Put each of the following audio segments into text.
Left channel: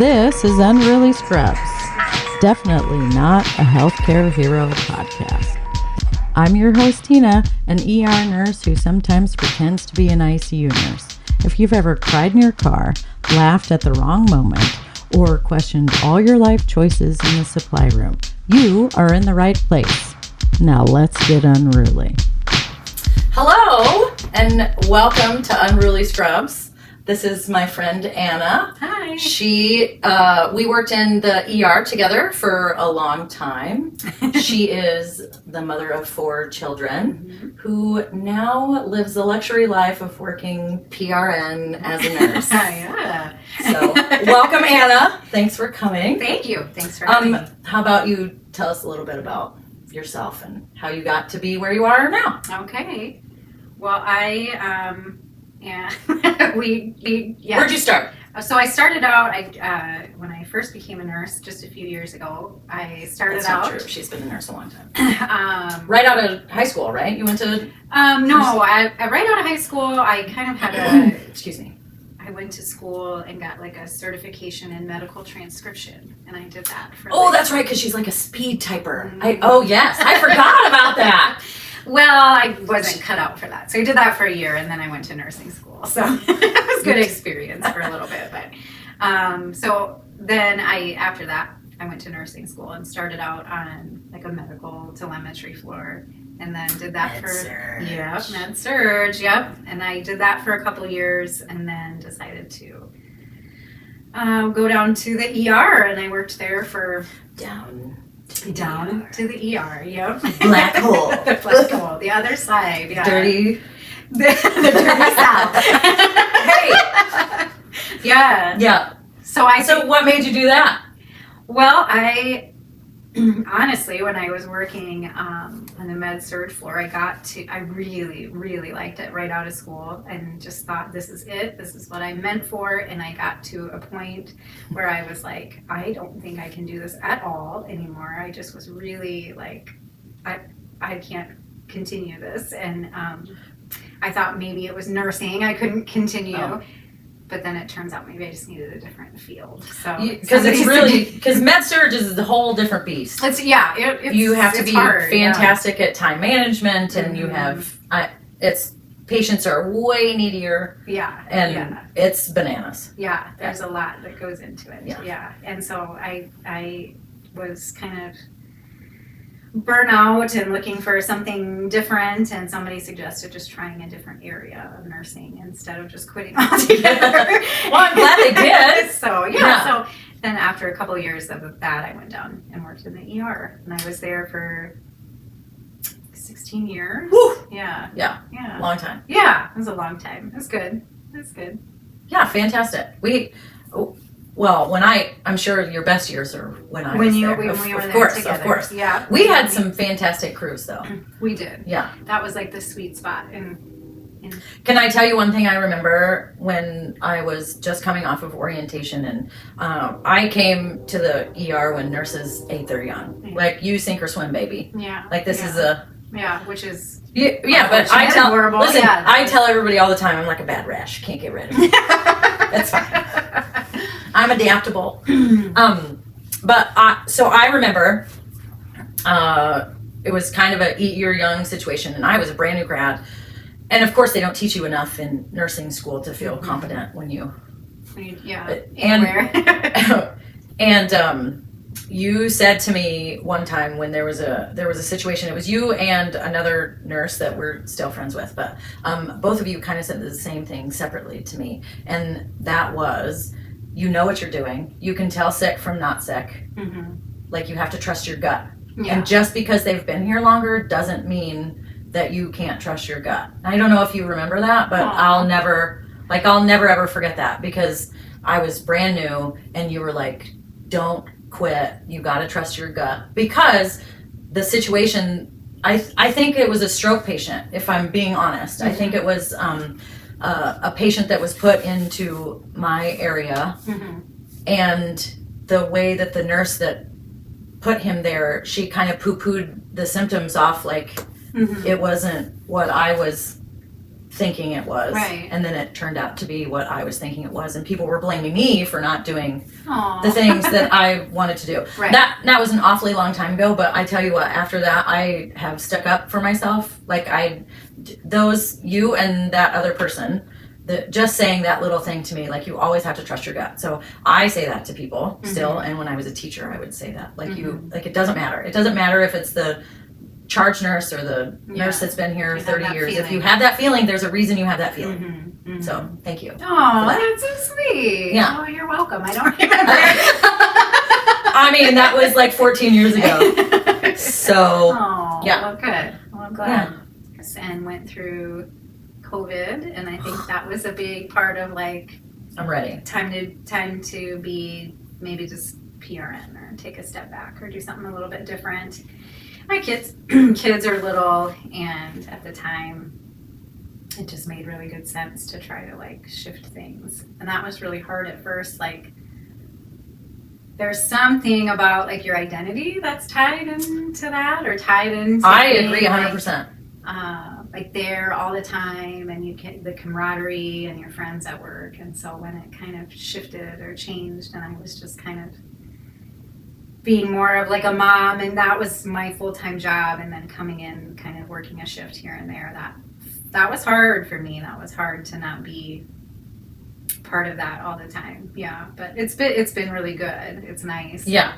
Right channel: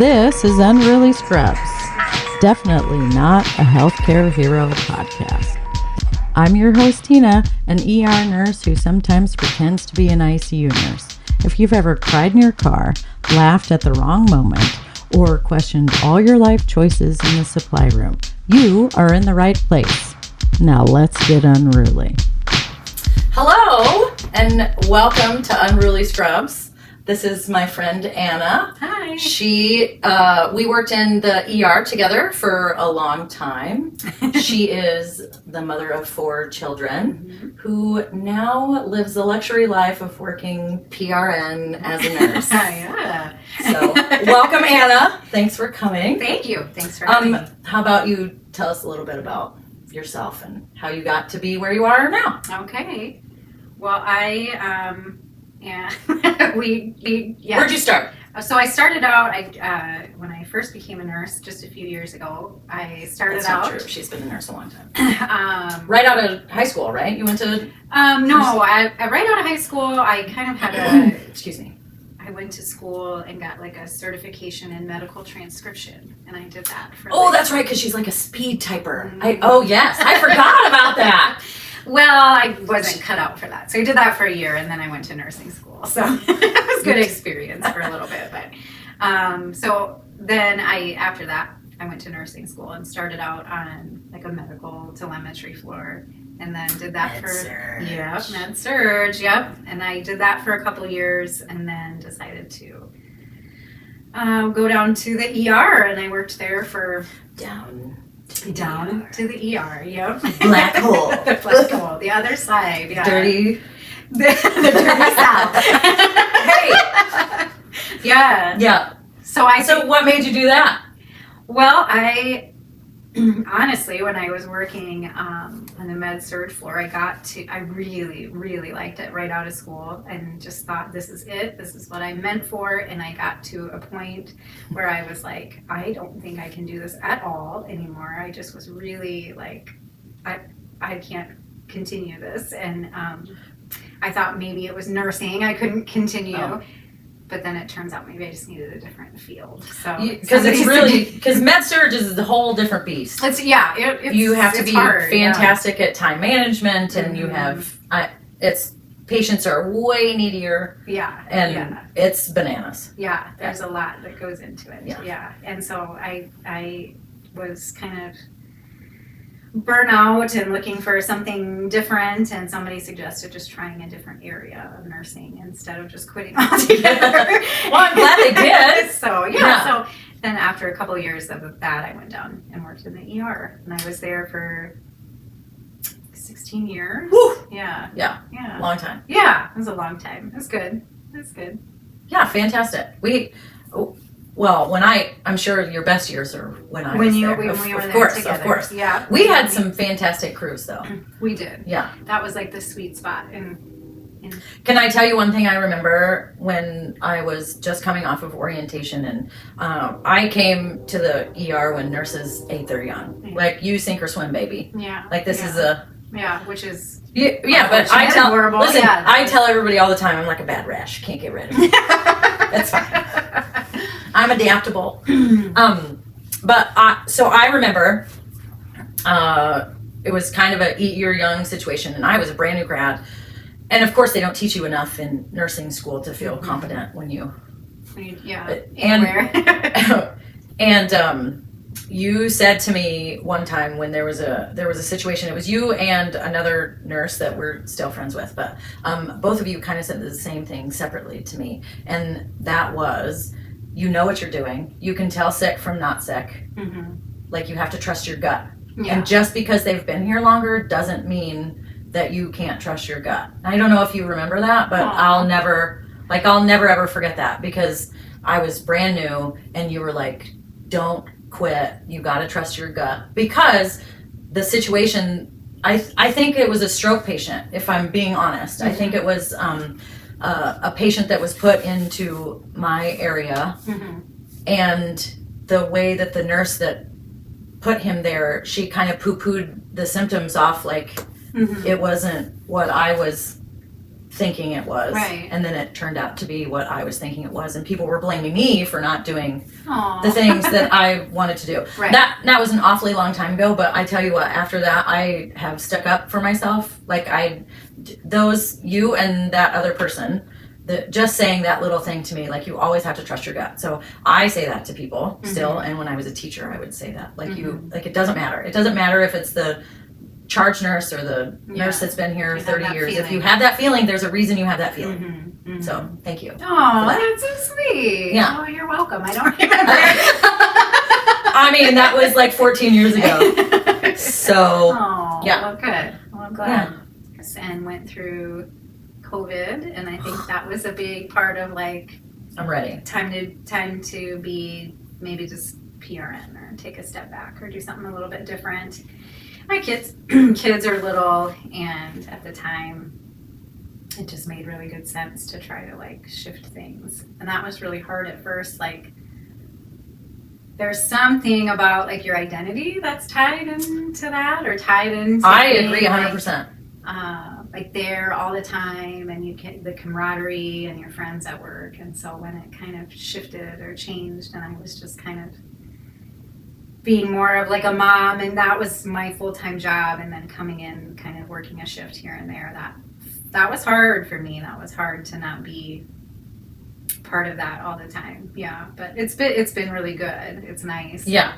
This is Unruly Scrubs. Definitely not a healthcare hero podcast. I'm your host, Tina, an ER nurse who sometimes pretends to be an ICU nurse. If you've ever cried in your car, laughed at the wrong moment, or questioned all your life choices in the supply room, you are in the right place. Now let's get unruly. Hello, and welcome to Unruly Scrubs. This is my friend Anna. Hi. We worked in the ER together for a long time. She is the mother of 4 children who now lives the luxury life of working PRN as a nurse. Yeah. So, welcome Anna. Thanks for coming. Thank you. Thanks for having me. How about you tell us a little bit about yourself and how you got to be where you are now? Okay. Well, yeah. Where'd you start? So I started out, when I first became a nurse just a few years ago, I started That's out. not true. She's been a nurse a long time. Right out of high school, right? You went to... No, right out of high school, I kind of had Excuse me. I went to school and got like a certification in medical transcription, and I did that for... Oh, that's right, because she's like a speed typer. Oh, yes. I forgot about that. Well, I wasn't cut out for that. So I did that for a year, and then I went to nursing school. So it was a good experience for a little bit. But so then after that, I went to nursing school and started out on like a medical telemetry floor, and then did that med surge, yep. And I did that for a couple years, and then decided to go down to the ER, and I worked there for Down to the ER, yep. Black hole. The black hole, the other side. Yeah. Dirty. the dirty south. Hey. Yeah. Yeah. So what made you do that? Well, I honestly, when I was working on the med surge floor, I really, really liked it right out of school, and just thought, this is it. This is what I'm meant for. And I got to a point where I was like, I don't think I can do this at all anymore. I just was really like, I can't continue this. And I thought maybe it was nursing. I couldn't continue. Oh. But then it turns out maybe I just needed a different field. So because med surge is a whole different beast. You have to be fantastic at time management, and you have patients are way needier. Yeah, and it's bananas. Yeah, there's a lot that goes into it. Yeah, and so I was kind of burnout and looking for something different, and somebody suggested just trying a different area of nursing instead of just quitting altogether. Well, I'm glad they did. So then after a couple of years of that, I went down and worked in the ER, and I was there for 16 years. Woo! Yeah. Long time. Yeah, it was a long time. It was good. Yeah, fantastic. Well, I'm sure your best years are when I was there. When we were there together. Of course. Yeah. We had some fantastic crews, though. We did. Yeah. That was like the sweet spot. Can I tell you one thing I remember when I was just coming off of orientation, and I came to the ER when nurses ate their young. Yeah. Like, you sink or swim, baby. Yeah. Like, this is a... Yeah, which is... Yeah, but I tell... Horrible. Listen, yeah, I tell everybody all the time, I'm like a bad rash. Can't get rid of it. That's fine. I'm adaptable. So I remember it was kind of a eat your young situation, and I was a brand new grad. And of course, they don't teach you enough in nursing school to feel competent when you... anywhere. And you said to me one time when there was a situation, it was you and another nurse that we're still friends with, but both of you kind of said the same thing separately to me, and that was, you know what you're doing. You can tell sick from not sick. Mm-hmm. Like, you have to trust your gut. Yeah. And just because they've been here longer doesn't mean that you can't trust your gut. I don't know if you remember that, but I'll never ever forget that, because I was brand new and you were like, don't quit. You got to trust your gut, because the situation, I think it was a stroke patient, if I'm being honest. Mm-hmm. I think it was a patient that was put into my area, and the way that the nurse that put him there, she kind of poo-pooed the symptoms off like it wasn't what I was thinking it was. Right. And then it turned out to be what I was thinking it was. And people were blaming me for not doing Aw. the things that I wanted to do. Right. That was an awfully long time ago, but I tell you what, after that, I have stuck up for myself. Like you and that other person, just saying that little thing to me, like you always have to trust your gut. So I say that to people still. And when I was a teacher, I would say that, like it doesn't matter. It doesn't matter if it's the charge nurse or the nurse that's been here 30 years. Feeling. If you have that feeling, there's a reason you have that feeling. So thank you. Oh, that's so sweet. Yeah. Oh, you're welcome. I don't remember. I mean, that was like 14 years ago. So, oh, yeah. Well, good. Well, I'm glad. And went through COVID, and I think that was a big part of like I'm ready. Time to be maybe just PRN or take a step back or do something a little bit different. My kids are little, and at the time it just made really good sense to try to like shift things. And that was really hard at first. Like there's something about like your identity that's tied into that, or tied into I agree 100%. Like there all the time, and you get the camaraderie and your friends at work. And so when it kind of shifted or changed, and I was just kind of being more of like a mom, and that was my full-time job, and then coming in kind of working a shift here and there, that was hard for me. That was hard to not be part of that all the time. Yeah, but it's been really good. It's nice. Yeah.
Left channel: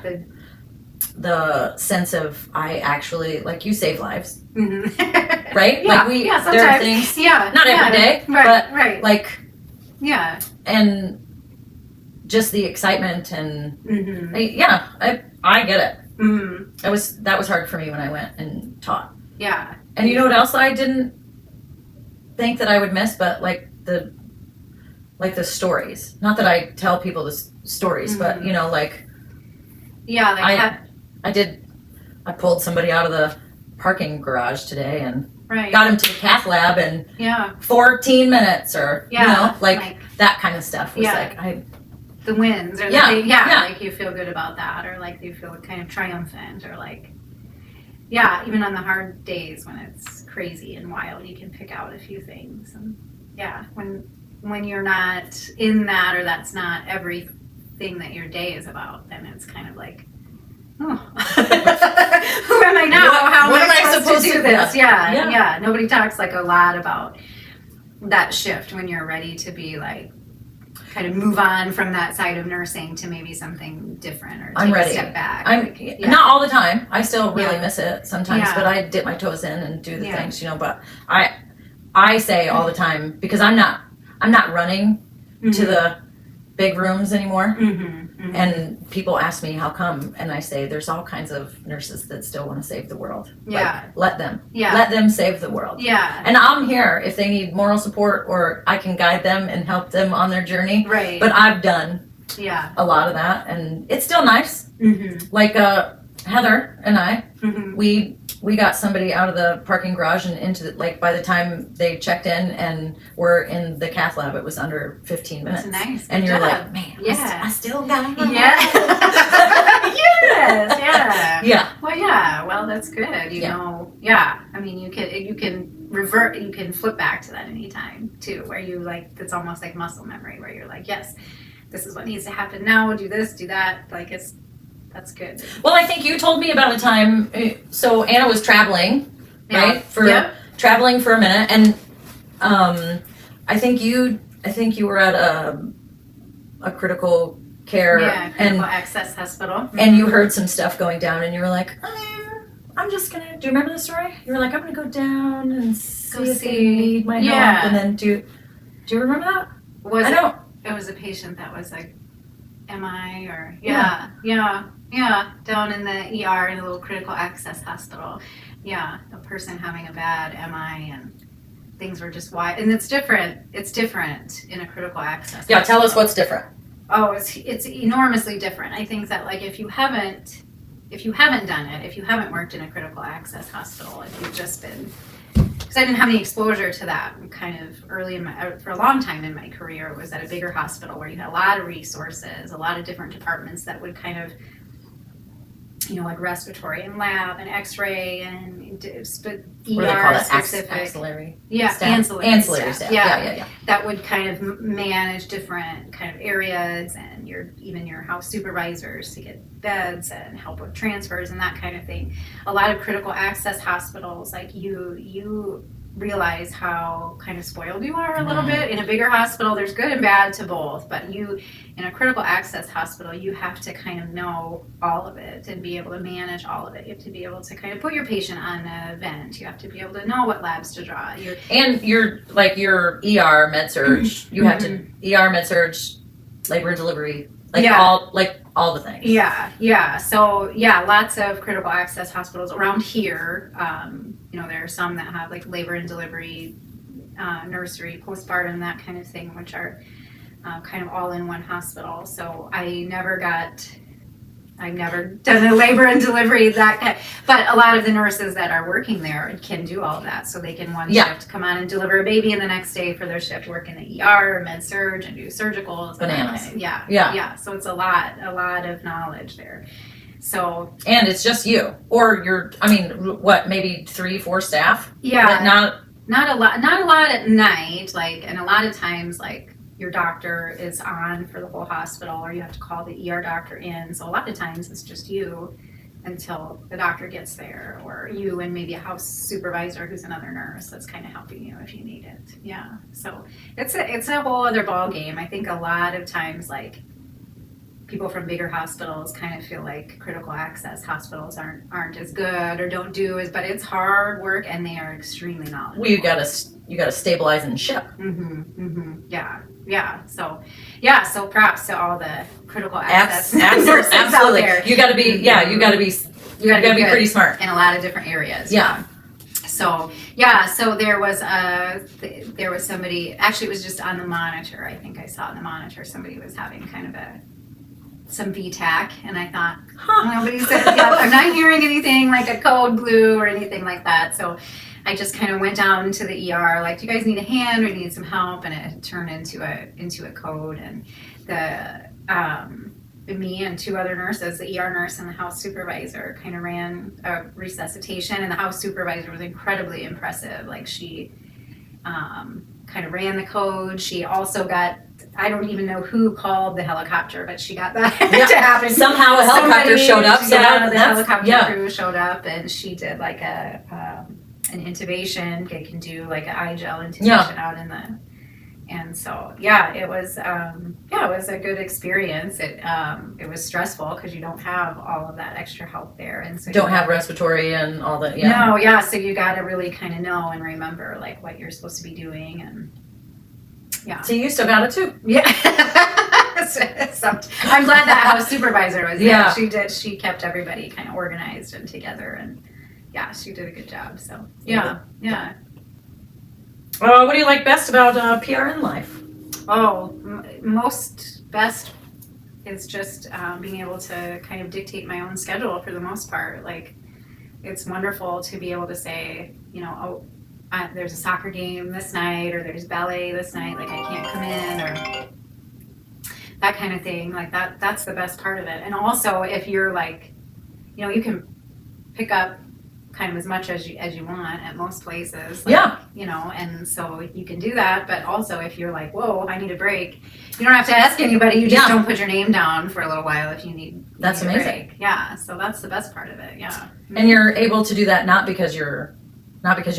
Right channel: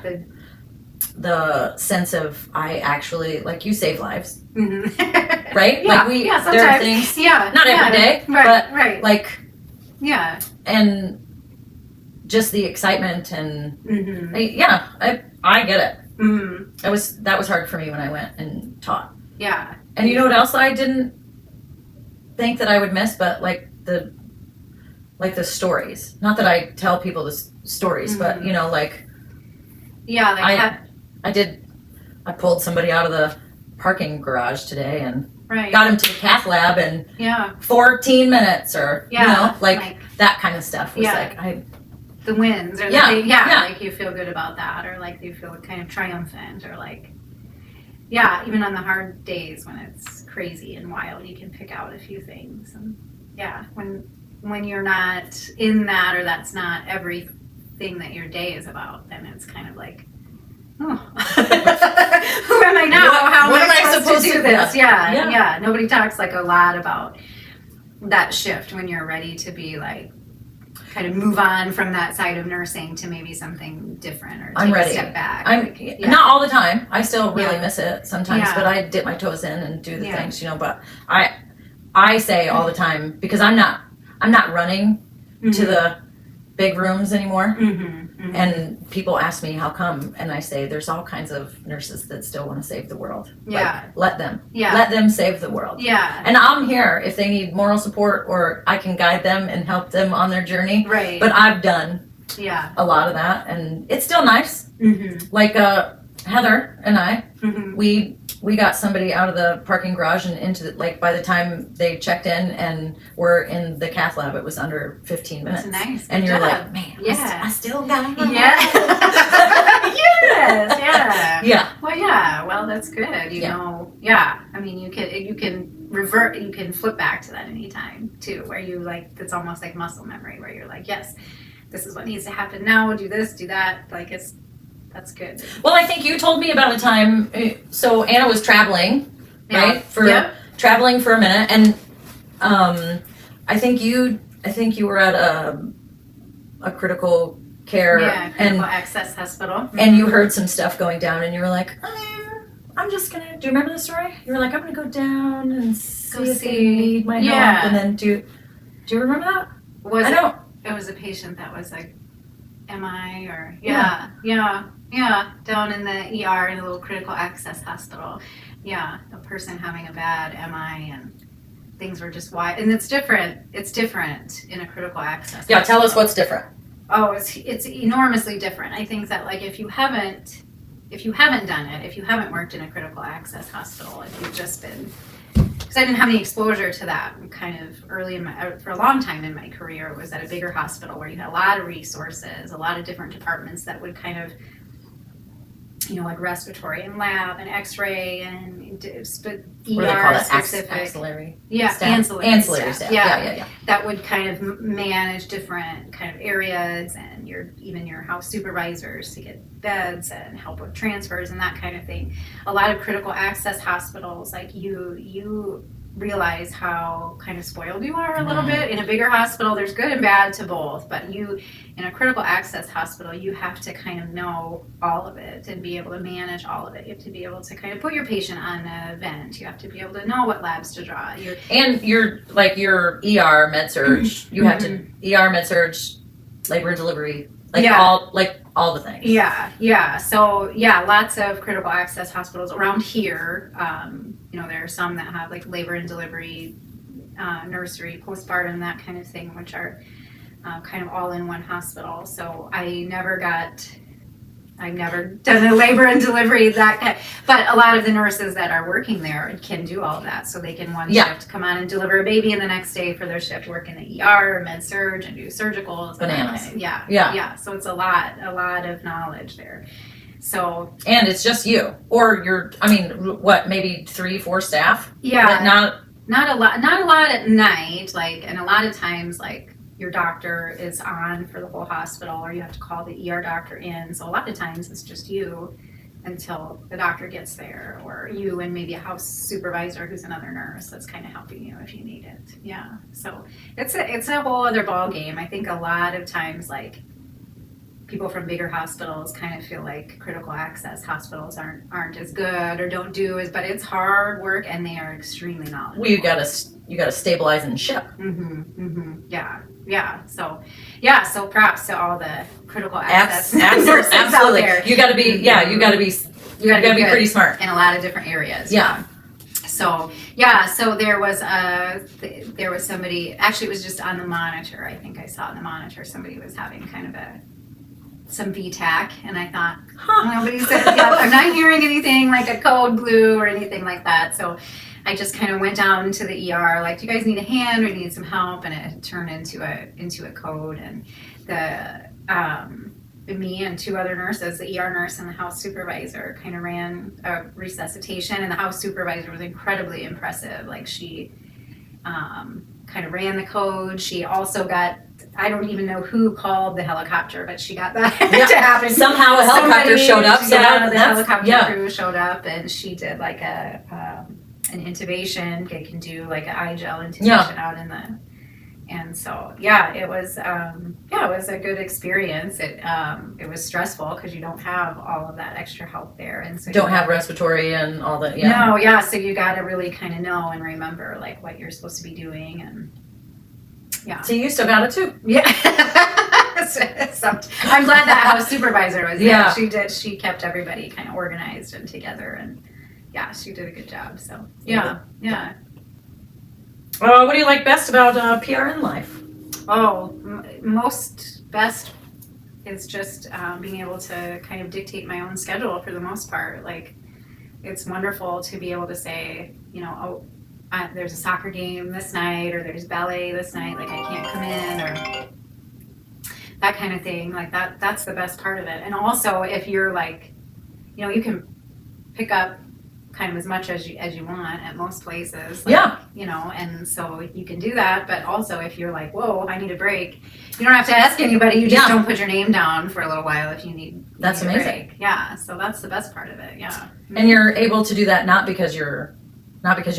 The sense of I actually, like, you save lives. Right? Yeah, like there are things, not every day, right, but like, yeah, and just the excitement and I get it. That was hard for me when I went and taught. Yeah. And you know what else I didn't think that I would miss, but like the stories. Not that I tell people the stories, but you know, like I pulled somebody out of the parking garage today and got him to the cath lab in 14 minutes, or you know, like that kind of stuff was like the wins, or like you feel good about that, or like you feel kind of triumphant, or like even on the hard days when it's crazy and wild, you can pick out a few things. And when you're not in that, or that's not everything that your day is about, then it's kind of like, oh, who am I now? How am I supposed to do this? Yeah. Nobody talks like a lot about that shift when you're ready to be like, kind of move on from that side of nursing to maybe something different, or take a step back. Not all the time. I still really miss it sometimes, but I dip my toes in and do the things, you know. But I say all the time, because I'm not running to the big rooms anymore. And people ask me how come, and I say there's all kinds of nurses that still want to save the world. Let them save the world. And I'm here if they need moral support, or I can guide them and help them on their journey. But I've done a lot of that, and it's still nice. Like Heather and I, we got somebody out of the parking garage and into like by the time they checked in and were in the cath lab, it was under 15 minutes. That's nice. And you're like, man, I still got it. Well, that's good. You know, I mean, you can revert, you can flip back to that anytime too, where you like, it's almost like muscle memory, where you're like, yes, this is what needs to happen now. Do this, do that. Like that's good. Well, I think you told me about a time. So Anna was traveling, right? Traveling for a minute, and I think you were at a critical care critical access hospital, and you heard some stuff going down, and you were like, I'm just gonna. Do you remember the story? You were like, I'm gonna go down and see if they need my help, and then do you remember that? It was a patient that was like MI, or down in the ER in a little critical access hospital. A person having a bad MI, and things were just wide. And it's different in a critical access hospital. Tell us what's different. Oh, it's enormously different. I think that like if you haven't done it, if you haven't worked in a critical access hospital, if you've just been, because I didn't have any exposure to that kind of early for a long time in my career. It was at a bigger hospital where you had a lot of resources, a lot of different departments that would kind of, you know, like respiratory and lab and x-ray and What do they call that? specific. Axillary. Yeah, staff? ancillary staff. Yeah. Yeah. That would kind of manage different kind of areas, and even your house supervisors to get beds and help with transfers and that kind of thing. A lot of critical access hospitals, like you realize how kind of spoiled you are a little bit. In a bigger hospital, there's good and bad to both, but in a critical access hospital, you have to kind of know all of it and be able to manage all of it. You have to be able to kind of put your patient on a vent. You have to be able to know what labs to draw. And your ER med surge, you have to ER med surge, labor and delivery, all the things. Yeah. So lots of critical access hospitals around here. There are some that have like labor and delivery, nursery, postpartum, that kind of thing, which are kind of all in one hospital. So I've never done a labor and delivery but a lot of the nurses that are working there can do all of that. So they can shift come on and deliver a baby, and the next day for their shift work in the ER or med surge and do surgicals. Bananas. Yeah. So it's a lot of knowledge there. So and it's just you, or maybe 3-4 staff. Yeah, but not a lot at night. And a lot of times your doctor is on for the whole hospital, or you have to call the ER doctor in. So a lot of times it's just you until the doctor gets there, or you and maybe a house supervisor who's another nurse that's kind of helping you if you need it. Yeah. So it's a whole other ball game. I think a lot of times people from bigger hospitals kind of feel like critical access hospitals aren't as good or don't do as, but it's hard work and they are extremely knowledgeable. Well, you gotta stabilize and ship. Yeah. So props to all the critical access absolutely. out there. You gotta be pretty smart in a lot of different areas. Yeah. So there was somebody, actually it was just on the monitor. I think I saw on the monitor somebody was having kind of some VTAC, and I thought, nobody said, I'm not hearing anything like a code blue or anything like that. So I just kind of went down to the ER, do you guys need a hand or need some help? And it turned into a code, and me and 2 other nurses, the ER nurse and the house supervisor, kind of ran a resuscitation, and the house supervisor was incredibly impressive. She kind of ran the code. She also got, I don't even know who called the helicopter, but she got that to happen. Somehow a helicopter showed up. The helicopter crew showed up, and she did an intubation. They can do an eye gel intubation out in the, and so it was a good experience. It was stressful because you don't have all of that extra help there, and so don't have respiratory and all that. No, so you got to really kind of know and remember what you're supposed to be doing, and so you still got it too. Yeah. I'm glad that house supervisor was there. She kept everybody kind of organized and together, and she did a good job. So yeah. What do you like best about PRN life? Most best is just being able to kind of dictate my own schedule for the most part. It's wonderful to be able to say, there's a soccer game this night, or there's ballet this night, I can't come in, or that kind of thing. That's the best part of it. And also, if you're you can pick up kind of as much as you want at most places. And so you can do that, but also if you're whoa, I need a break, you don't have to ask anybody. You just don't put your name down for a little while if you need That's a amazing. break. Yeah, so that's the best part of it. Yeah. And you're able to do that not because you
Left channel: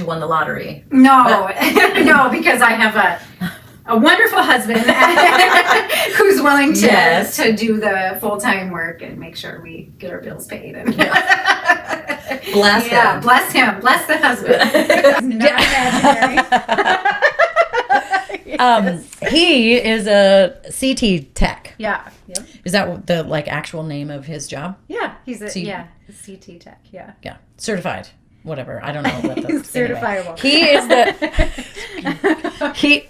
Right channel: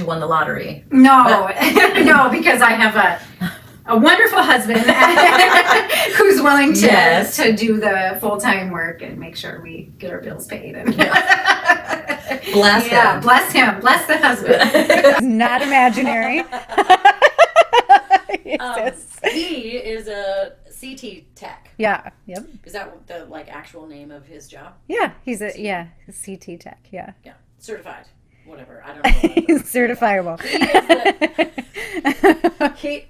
won the lottery. No, no, because I have a wonderful husband who's willing to do the full-time work and make sure we get our bills paid. And bless him. Bless him. Bless the husband. Not imaginary. He is a CT tech. Yeah. Yep. Is that the actual name of his job? Yeah, he's a CT tech. Yeah. Yeah. Certified. Whatever. I don't know what the certifiable. He is the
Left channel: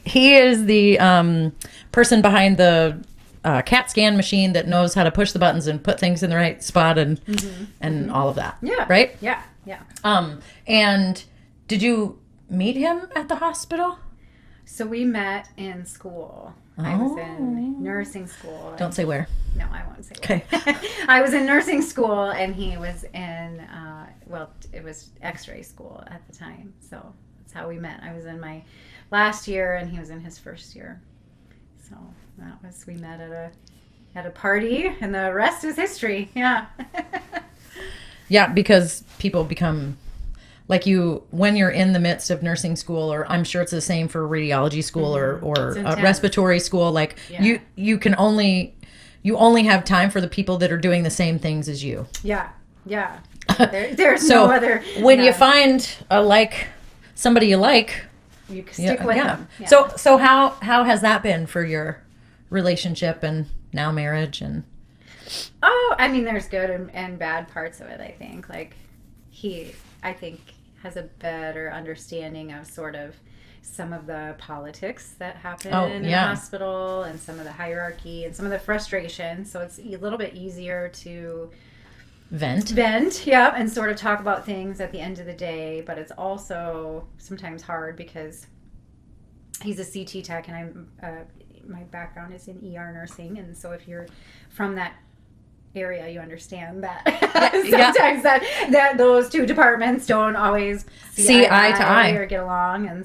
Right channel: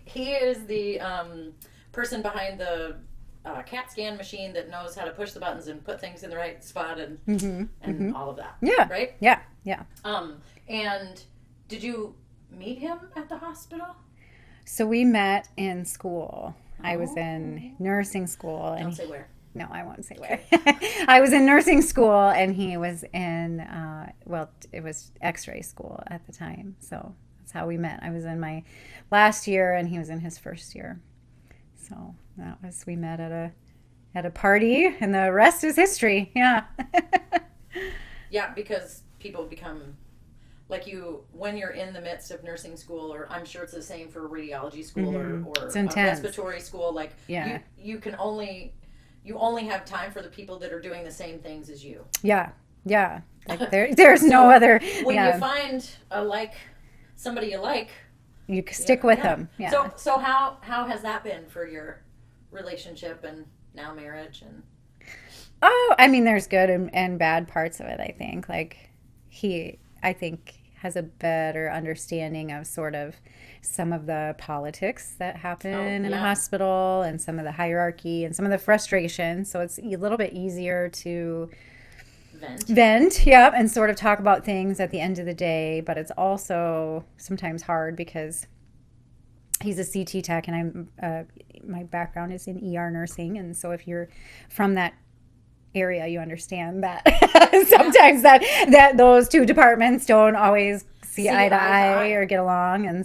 he is the person behind the CAT scan machine that knows how to push the buttons and put things in the right spot and all of that. Yeah. Right? Yeah. And did you meet him at the hospital? So we met in school. I was in nursing school. Don't say where. No, I won't say where. Okay. I was in nursing school, and he was in it was X-ray school at the time. So that's how we met. I was in my last year and he was in his first year. So we met at a party, and the rest is history. Yeah. Yeah, because people become like you when you're in the midst of nursing school, or I'm sure it's the same for radiology school or respiratory school. Like you only have time for the people that are doing the same things as you. Yeah. There's no other. When you find somebody you like, you stick with them. Yeah. So how has that been for your relationship and now marriage and? Oh, I mean, there's good and bad parts of it, I think. Like, I think, has a better understanding of sort of some of the politics that happen in the hospital and some of the hierarchy and some of the frustration. So it's a little bit easier to vent, yeah, and sort of talk about things at the end of the day. But it's also sometimes hard because he's a CT tech and my background is in ER nursing. And so if you're from that area, you understand that sometimes that those two departments don't always see eye to eye or get along. And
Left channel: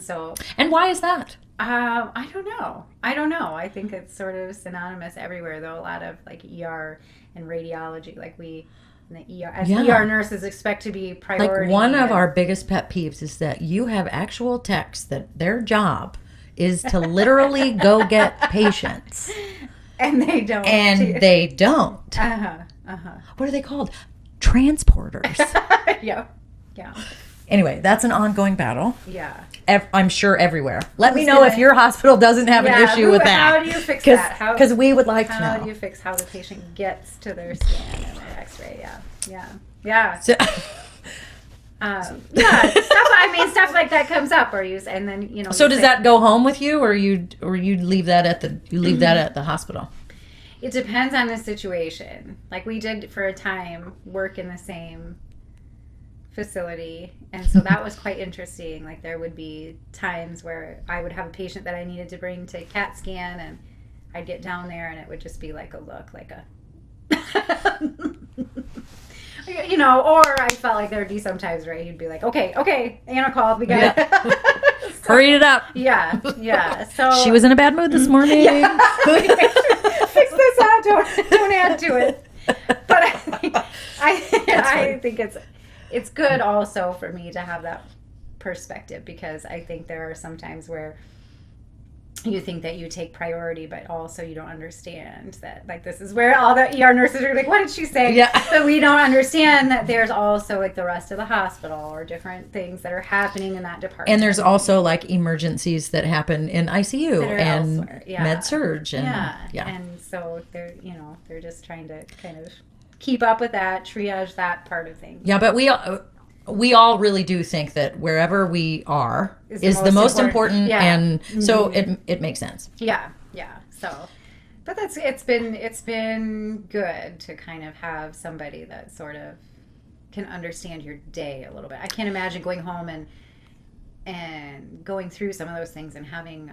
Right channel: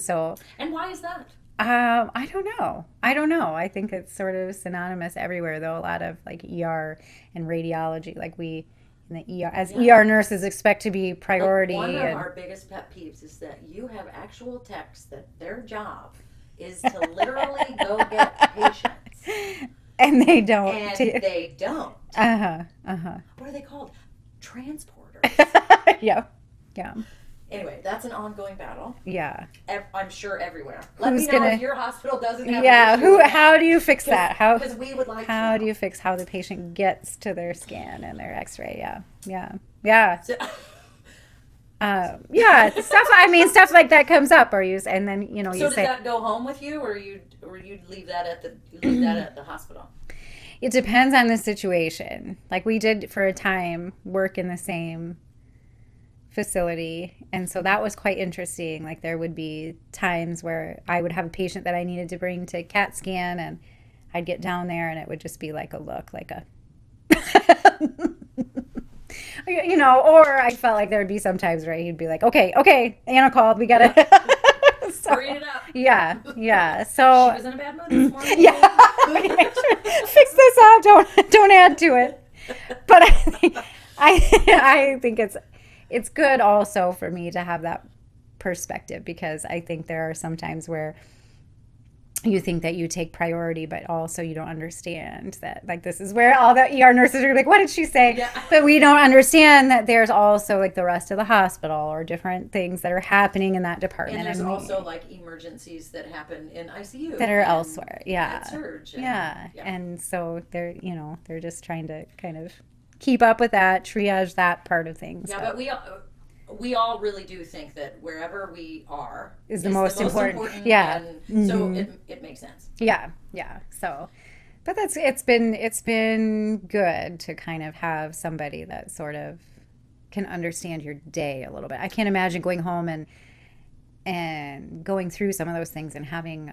why is that? I don't know. I think it's sort of synonymous everywhere, though. A lot of like ER and radiology, like we in the ER as ER nurses expect to be priority. Like one of our biggest pet peeves is that you have actual techs that their job is to literally go get patients. And they don't. What are they called? Transporters. Yeah. Anyway, that's an ongoing battle. Yeah. I'm sure everywhere. Let me know if your hospital doesn't have an issue with that. How do you fix that? Because we would like to know. How do you fix how the patient gets to their scan and their X-ray? Yeah. So, stuff like that comes up, and then So does that go home with you, or you leave that at the hospital? It depends on the situation. Like we did for a time work in the same facility, and so that was quite interesting. Like there would be times where I would have a patient that I needed to bring to CAT scan, and I'd get down there, and it would just be like a look, like a. Or I felt like there would be some times where he'd be like, okay, Anna called, we got it. Hurry it up. Yeah. So she was in a bad mood this morning. Yeah. Fix this up. Don't add to it. But I think it's good also for me to have that perspective, because I think there are some times where you think that you take priority, but also you don't understand that, like, this is where all the ER nurses are like, what did she say? Yeah. But we don't understand that there's also like the rest of the hospital or different things that are happening in that department. And there's also like emergencies that happen in ICU that are and elsewhere. med surge. And so they're just trying to kind of keep up with that, triage that part of things. Yeah, but we all really do think that wherever we are is the most important. Yeah. And so it makes sense. Yeah. So, but it's been good to kind of have somebody that sort of can understand your day a little bit. I can't imagine going home and going through some of those things and having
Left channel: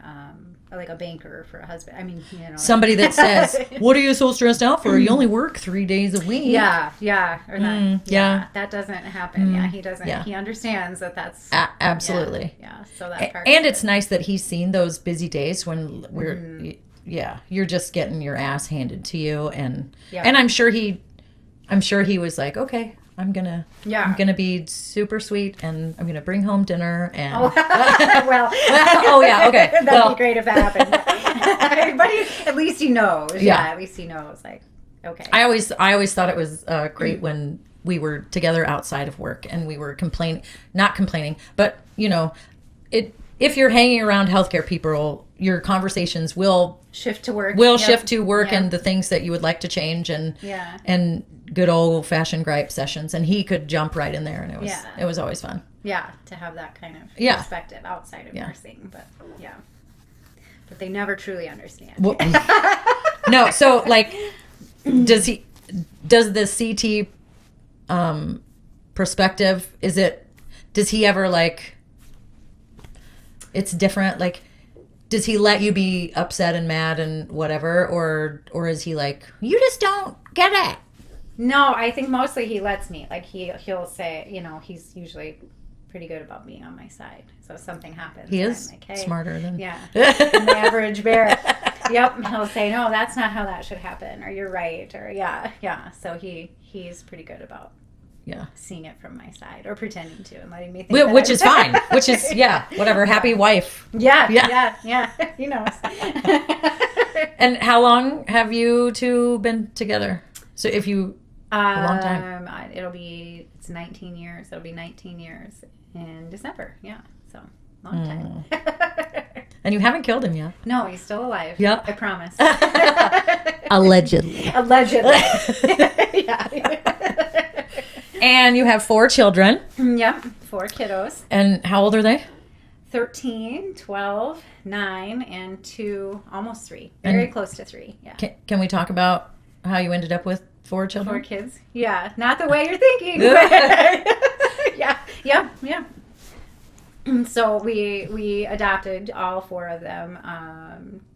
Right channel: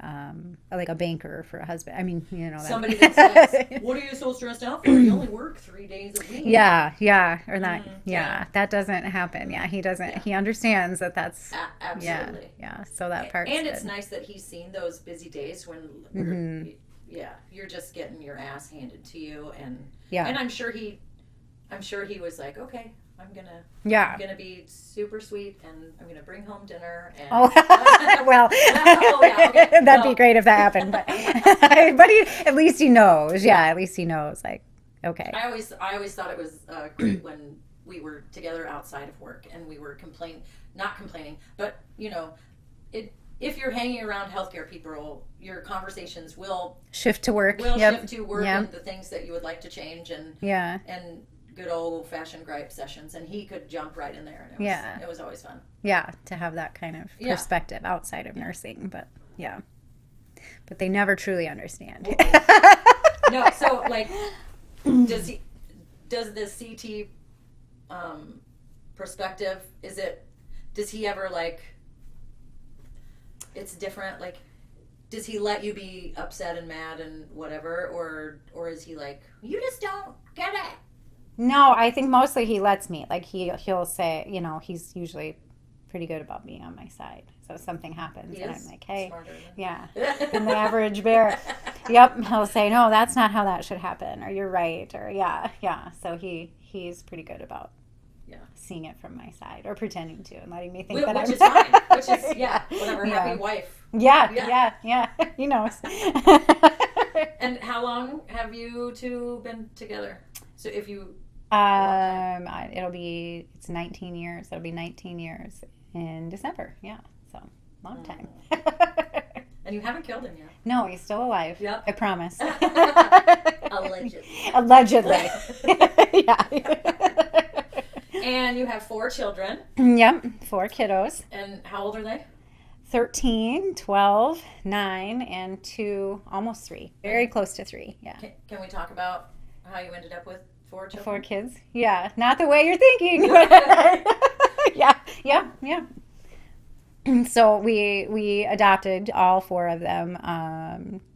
like a banker for a husband. I mean, somebody that says, "What are you so stressed out for? You only work 3 days a week." Yeah, or that. That doesn't happen. Yeah, he doesn't. Yeah. He understands that that's absolutely. Yeah. So that part. And it's nice that he's seen those busy days when you're just getting your ass handed to you, and I'm sure he was like, okay. I'm gonna be super sweet, and I'm gonna bring home dinner. And okay. That'd be great if that happened. But at least he knows. Yeah, at least he knows. Like, okay. I always thought it was great when we were together outside of work and we were not complaining, but if you're hanging around healthcare people, your conversations will shift to work. And the things that you would like to change, and good old fashioned gripe sessions, and he could jump right in there, and it was always fun. Yeah, to have that kind of perspective outside of nursing, but they never truly understand. Well, no, so like, does the CT perspective, does he ever like? It's different. Like, does he let you be upset and mad and whatever, or is he like, you just don't get it? No, I think mostly he lets me. Like he'll say, he's usually pretty good about being on my side. So if something happens, He is I'm like, hey, smarter than yeah, the average bear. Yep, he'll say, no, that's not how that should happen, or you're right, or yeah. So he's pretty good about seeing it from my side, or pretending to, and letting me think. Which is fine. Which is whatever. Happy wife. Yeah. He knows. And how long have you two been together? So if you a long time. It's 19 years. It'll be 19 years in December. Yeah. So long time. And you haven't killed him yet. No, he's still alive. Yep. I promise. Allegedly. Yeah. And you have 4 children. Yep. 4 kiddos. And how old are they? 13, 12, 9, and 2, almost 3. Very close to 3. Yeah. Can we talk about how you ended up with 4 children? 4 kids. Yeah. Not the way you're thinking. Yeah. So we adopted all 4 of them.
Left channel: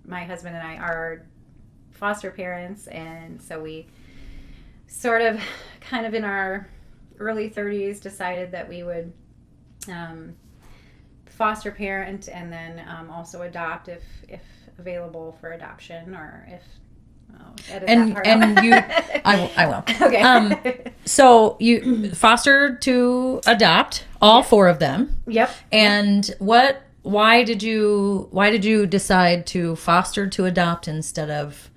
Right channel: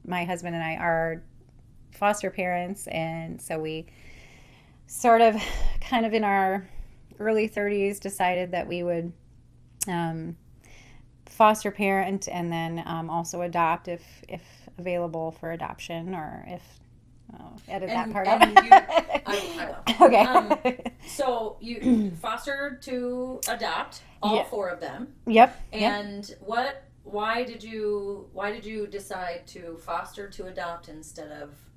My husband and I are foster parents, and so we sort of kind of in our early 30s decided that we would foster parent and then also adopt if available for adoption, or if I will. Okay. So you fostered to adopt all 4 of them. Yep. And why did you decide to foster to adopt instead of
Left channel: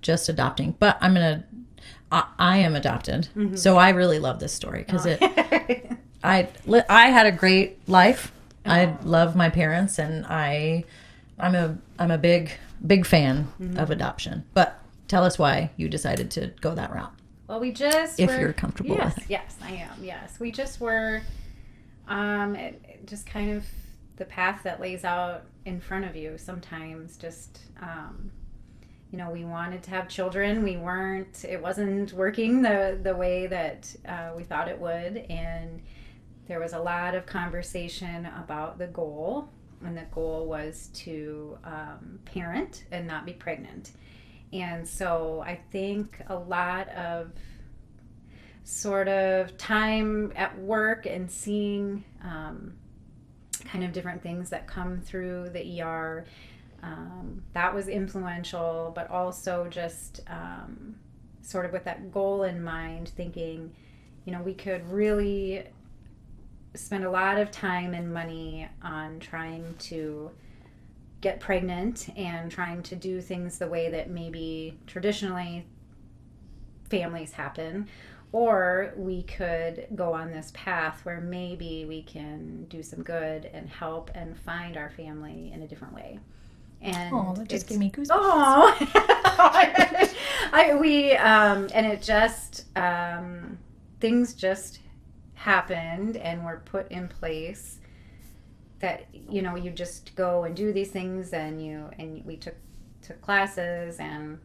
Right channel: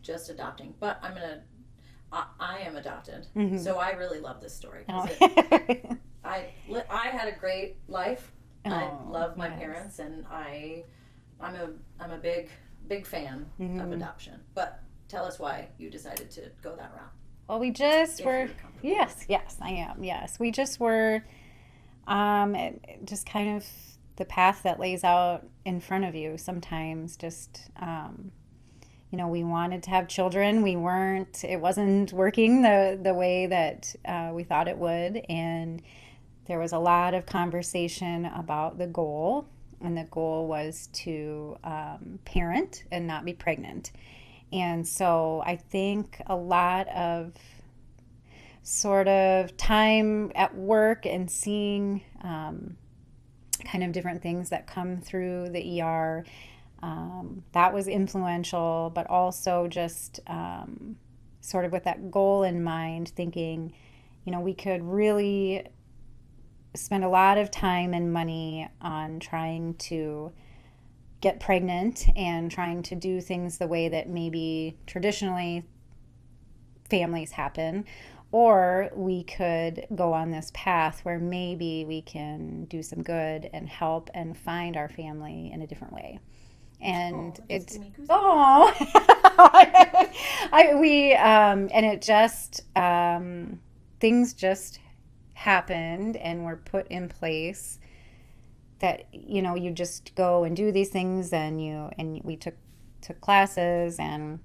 just adopting? But I am adopted. Mm-hmm. So I really love this story because I had a great life. I love my parents, and I'm a big fan of adoption. But tell us why you decided to go that route. Well, you're comfortable with it. Yes, I am. Yes, we just were, just kind of the path that lays out in front of you. Sometimes, just we wanted to have children. It wasn't working the way that we thought it would, and there was a lot of conversation about the goal, and the goal was to parent and not be pregnant. And so I think a lot of sort of time at work and seeing kind of different things that come through the ER, that was influential, but also just sort of with that goal in mind, thinking, we could really spend a lot of time and money on trying to get pregnant and trying to do things the way that maybe traditionally families happen, or we could go on this path where maybe we can do some good and help and find our family in a different way. And that just gave me goosebumps. And it just things just happened and were put in place that you just go and do these things, and we took classes, and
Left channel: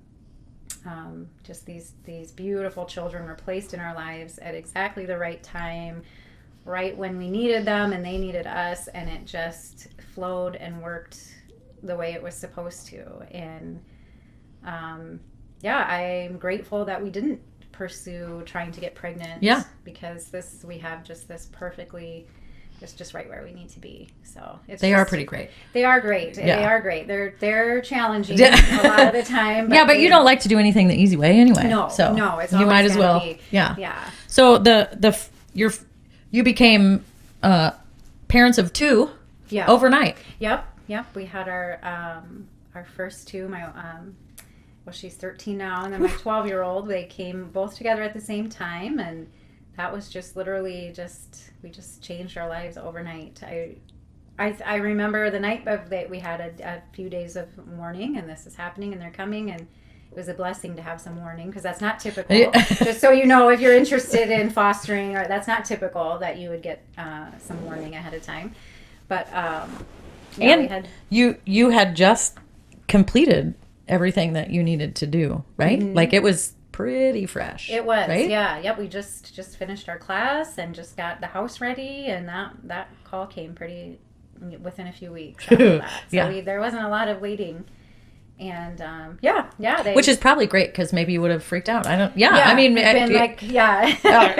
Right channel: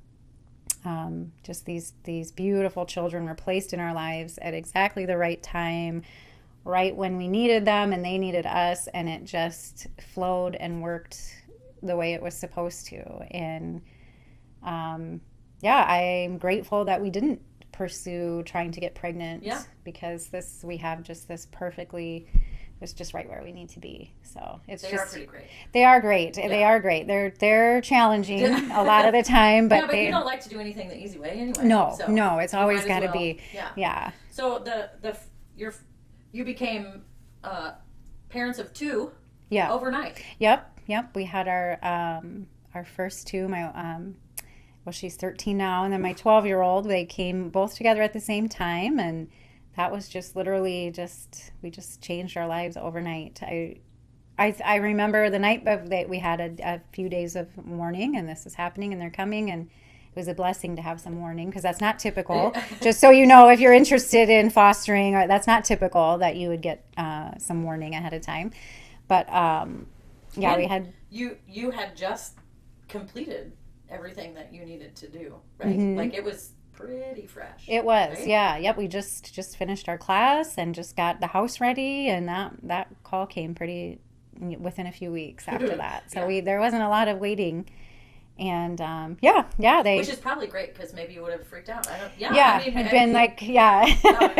just these beautiful children were placed in our lives at exactly the right time, right when we needed them and they needed us, and it just flowed and worked the way it was supposed to. And I'm grateful that we didn't pursue trying to get pregnant, because we have just this perfectly, it's just right where we need to be. So they are pretty great. They are great. Yeah. They are great. They're challenging a lot of the time. But but you don't like to do anything the easy way anyway. No, so it's you always might as well be. Yeah. So you became parents of 2 overnight. Yep. We had our first 2. She's 13 now, and then my 12-year-old. They came both together at the same time, and that was just literally we just changed our lives overnight. I remember the night of we had a few days of mourning, and this is happening, and they're coming, and it was a blessing to have some mourning, because that's not typical. Just so you know, if you're interested in fostering, that's not typical that you would get some mourning ahead of time. But you had just completed everything that you needed to do, right? Mm-hmm. Like it was pretty fresh. It was, right? Yeah. Yep. We just finished our class and just got the house ready, and that call came pretty within a few weeks after that. So there wasn't a lot of waiting And they. Which is probably great because maybe you would have freaked out. I mean, been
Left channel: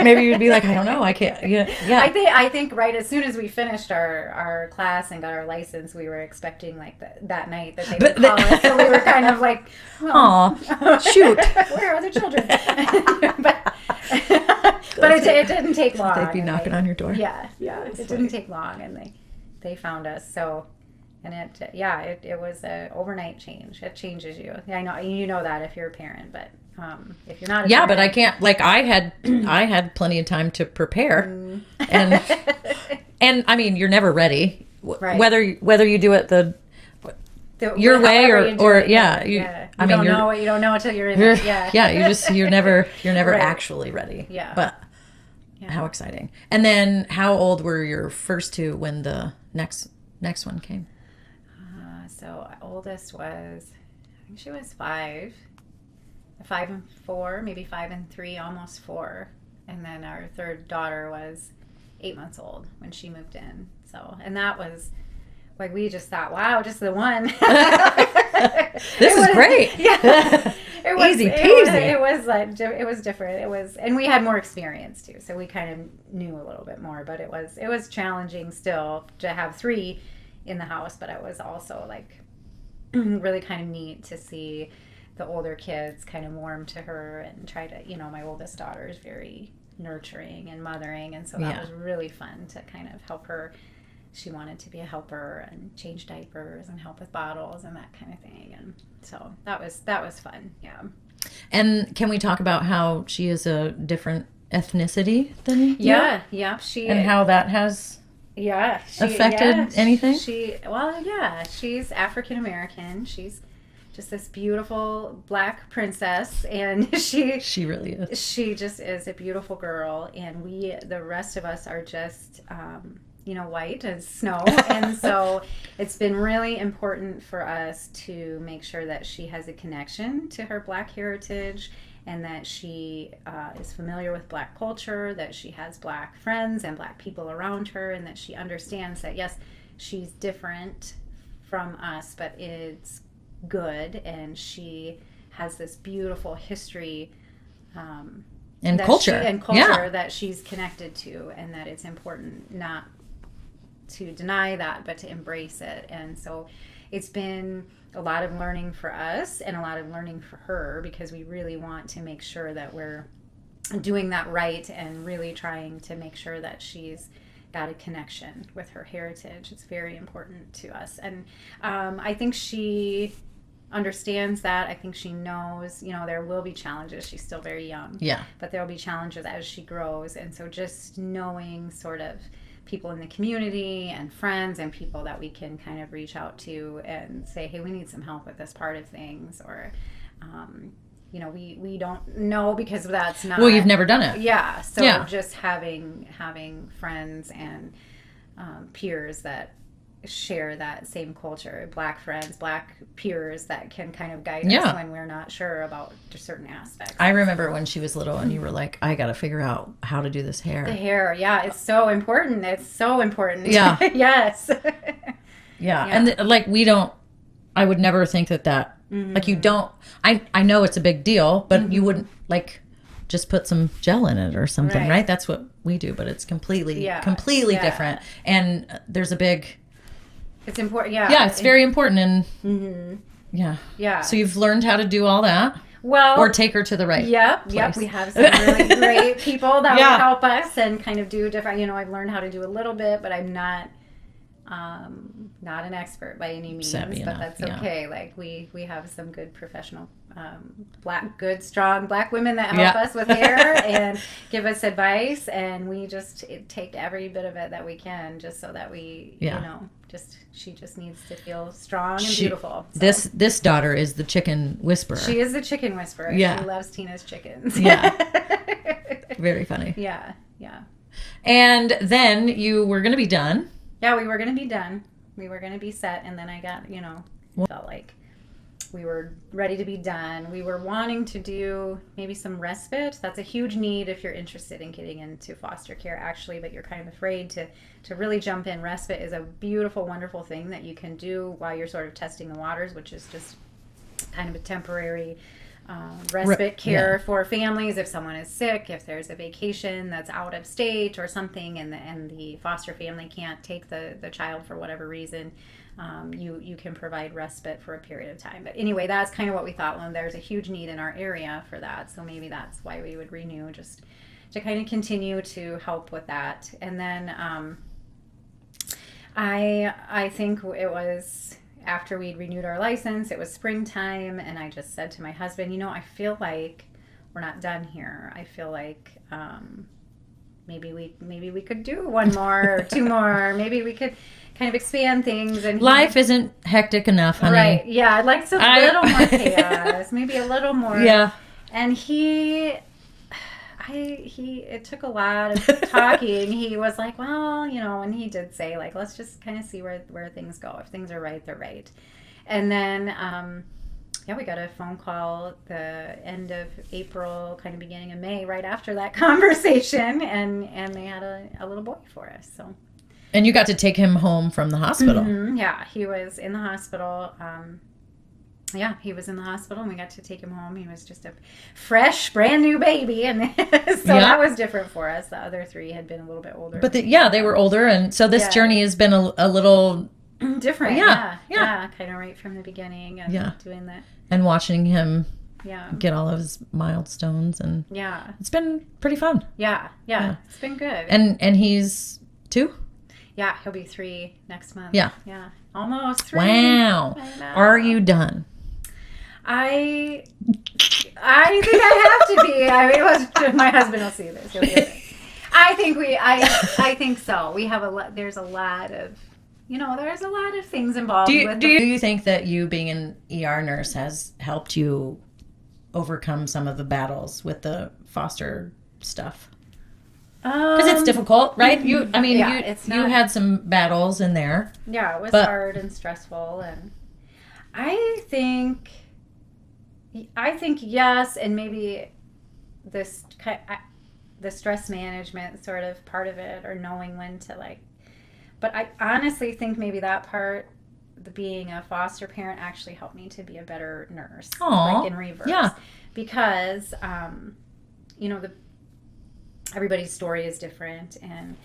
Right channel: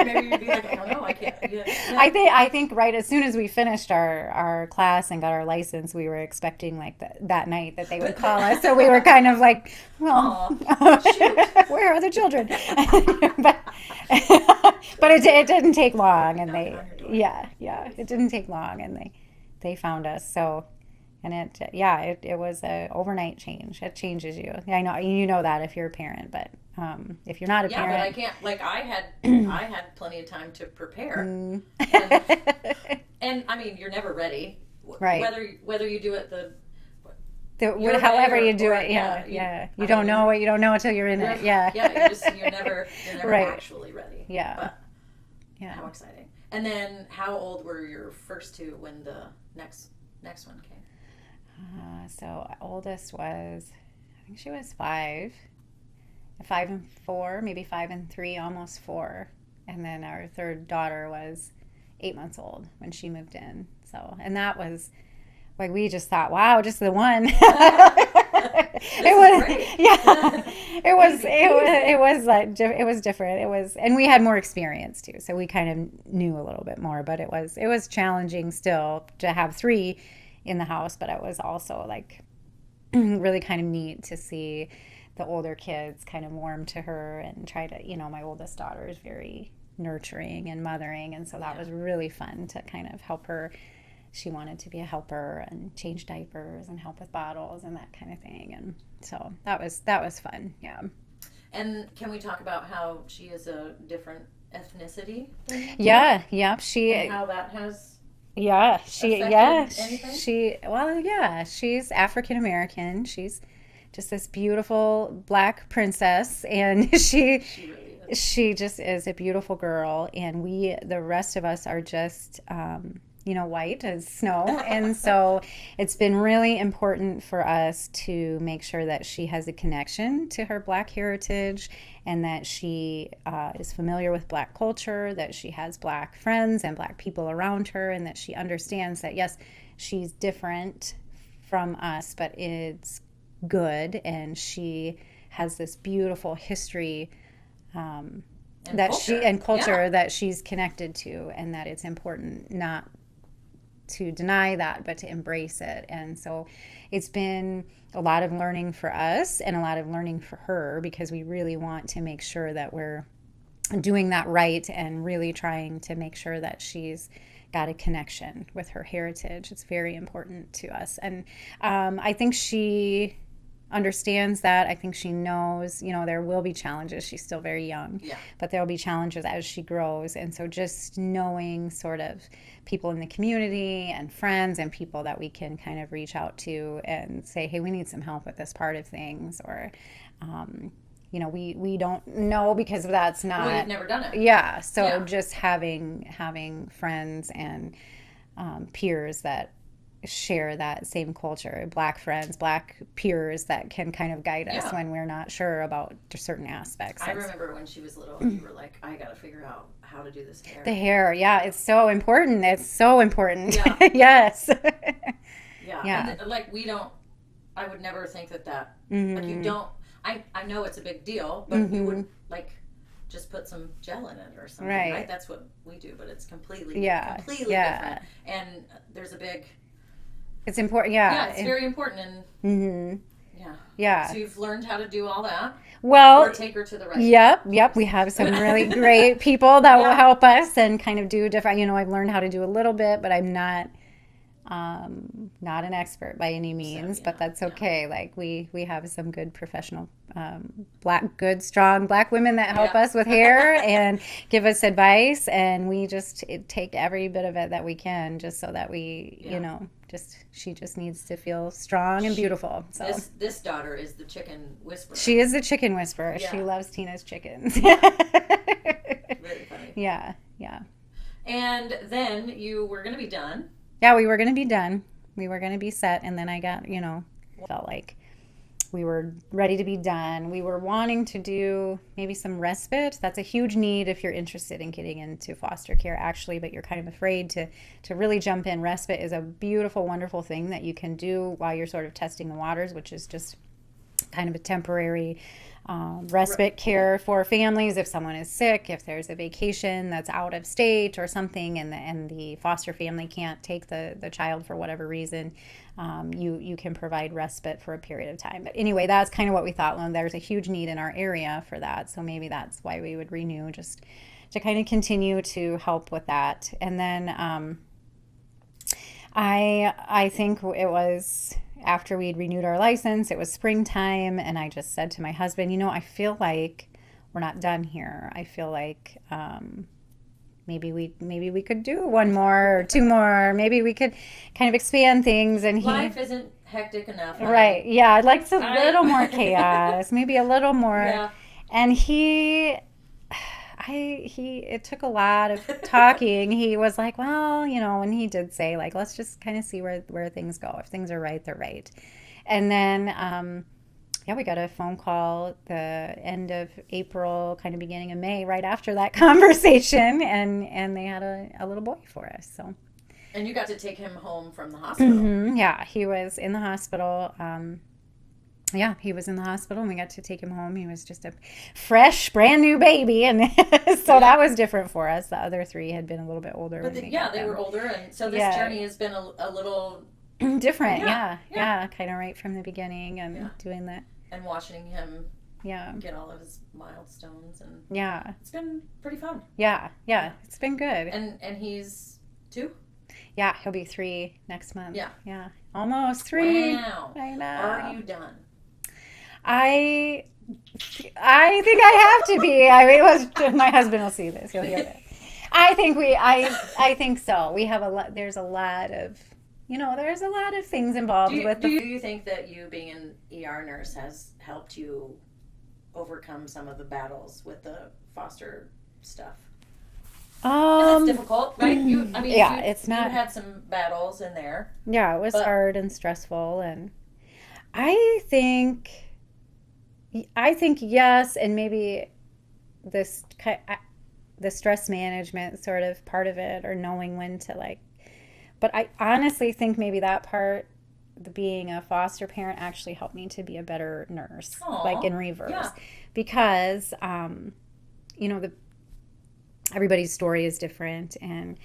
maybe you'd be like, I don't know, I can't. Yeah. I think right as soon as we finished our class and got our license, we were expecting like that night that they would call us. So we were kind of like, oh, shoot, where are the children? but it didn't take long. They'd be knocking on your door. Yeah. It didn't take long, and they found us. So. And it was an overnight change. It changes you. I know you know that if you're a parent, but if you're not a parent, but I can't. Like I had plenty of time to prepare, and I mean you're never ready, right. whether you do it your way or you don't know until you're in it. You're never right. actually ready. Yeah, but how exciting! And then how old were your first two when the next one came? So oldest was, I think she was 5 and 4, maybe 5 and 3, almost 4. And then our third daughter was 8 months old when she moved in. So, and that was like, we just thought, wow, just the one. This is great. Yeah. It was, easy peasy. It was different. And we had more experience too. So we kind of knew a little bit more, but it was challenging still to have 3 in the house, but it was also like really kind of neat to see the older kids kind of warm to her and try to, my oldest daughter is very nurturing and mothering, and so that was really fun to kind of help her. She wanted to be a helper and change diapers and help with bottles and that kind of thing, and so that was fun. And can we talk about how she is a different ethnicity than you? She, and how that has affected anything? She's African American. She's just this beautiful black princess, and she really is. She just is a beautiful girl, and the rest of us are just white as snow. And so it's been really important for us to make sure that she has a connection to her black heritage, and that she is familiar with black culture, that she has black friends and black people around her, and that she understands that, yes, she's different from us, but it's good, and she has this beautiful history and culture that she's connected to, and that it's important not to deny that, but to embrace it. And so it's been a lot of learning for us and a lot of learning for her, because we really want to make sure that we're doing that right and really trying to make sure that she's got a connection with her heritage. It's very important to us. And I think she understands that. I think she knows, there will be challenges. She's still very young. Yeah. But there will be challenges as she grows. And so just knowing sort of people in the community and friends and people that we can kind of reach out to and say, hey, we need some help with this part of things, or we don't know, because that's not, well, you've never done it. Just having friends and peers that share that same culture, black friends, black peers that can kind of guide us when we're not sure about certain aspects. I remember when she was little and you were like, I got to figure out how to do this hair. The hair, it's so important. It's so important. Yeah. Yes. And I would never think that like, you don't, I know it's a big deal, but you wouldn't like just put some gel in it or something, right? That's what we do, but it's completely different. And there's a big... It's important, it's very important, and so you've learned how to do all that. Well, or take her to the right place. We have some really great people that will help us and kind of do different. I've learned how to do a little bit, but I'm not an expert by any means. But that's okay. Like we have some good professional, good strong black women that help us with hair and give us advice, and we just take every bit of it that we can, just so that we she just needs to feel strong and beautiful. So. This daughter is the chicken whisperer. She is the chicken whisperer. Yeah. She loves Tina's chickens. Yeah. Very funny. Yeah. And then you were going to be done. Yeah, we were going to be done. We were going to be set, and then I got, felt like we were ready to be done. We were wanting to do maybe some respite. That's a huge need if you're interested in getting into foster care, actually, but you're kind of afraid to really jump in. Respite is a beautiful, wonderful thing that you can do while you're sort of testing the waters, which is just kind of a temporary respite care yeah. for families if someone is sick, if there's a vacation that's out of state or something, and the foster family can't take the child for whatever reason. You can provide respite for a period of time. But anyway, that's kind of what we thought. Well, there's a huge need in our area for that, so maybe that's why we would renew, just to kind of continue to help with that. And then I think it was after we'd renewed our license, it was springtime, and I just said to my husband, I feel like we're not done here. I feel like maybe we could do one more or two more. Maybe we could kind of expand things. And life isn't hectic enough, honey. Right? Yeah, I'd like a little more chaos, maybe a little more. Yeah. And it took a lot of talking. He was like, well, and he did say, like, let's just kind of see where things go. If things are right, they're right. And then, we got a phone call the end of April, kind of beginning of May, right after that conversation, and they had a little boy for us. So. And you got to take him home from the hospital. Mm-hmm. Yeah, he was in the hospital. He was in the hospital, and we got to take him home. He was just a fresh, brand new baby, and so that was different for us. The other three had been a little bit older. But they were older, and so this journey has been a little different. Yeah, kind of right from the beginning, and doing that. And watching him get all of his milestones, and it's been pretty fun. Yeah, it's been good. And he's 2? Yeah, he'll be 3 next month. Yeah, almost 3. Wow, are you done? I think I have to be. My husband will see this. He'll be okay. I think so. We have a lot. There's a lot of things involved. Do you think that you being an ER nurse has helped you overcome some of the battles with the foster stuff? Because it's difficult, right? You had some battles in there. Yeah, it was hard and stressful, and I think yes, and maybe the stress management sort of part of it, or knowing when to But I honestly think maybe that part, being a foster parent, actually helped me to be a better nurse. Aww. In reverse. Yeah. Because, everybody's story is different, and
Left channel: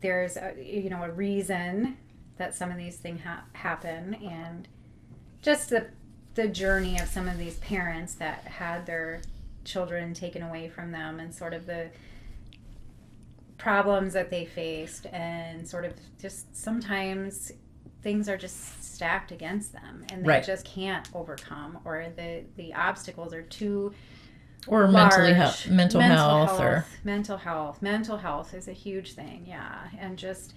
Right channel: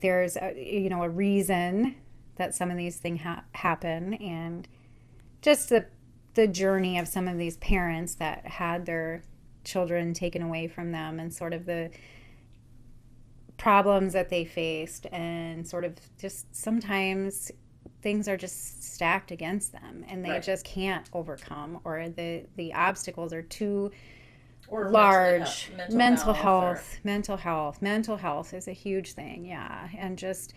there's a reason that some of these things happen, and just the journey of some of these parents that had their children taken away from them, and sort of the problems that they faced, and sort of just sometimes things are just stacked against them, and they just can't overcome, or the obstacles are too large. Mental health is a huge thing. And just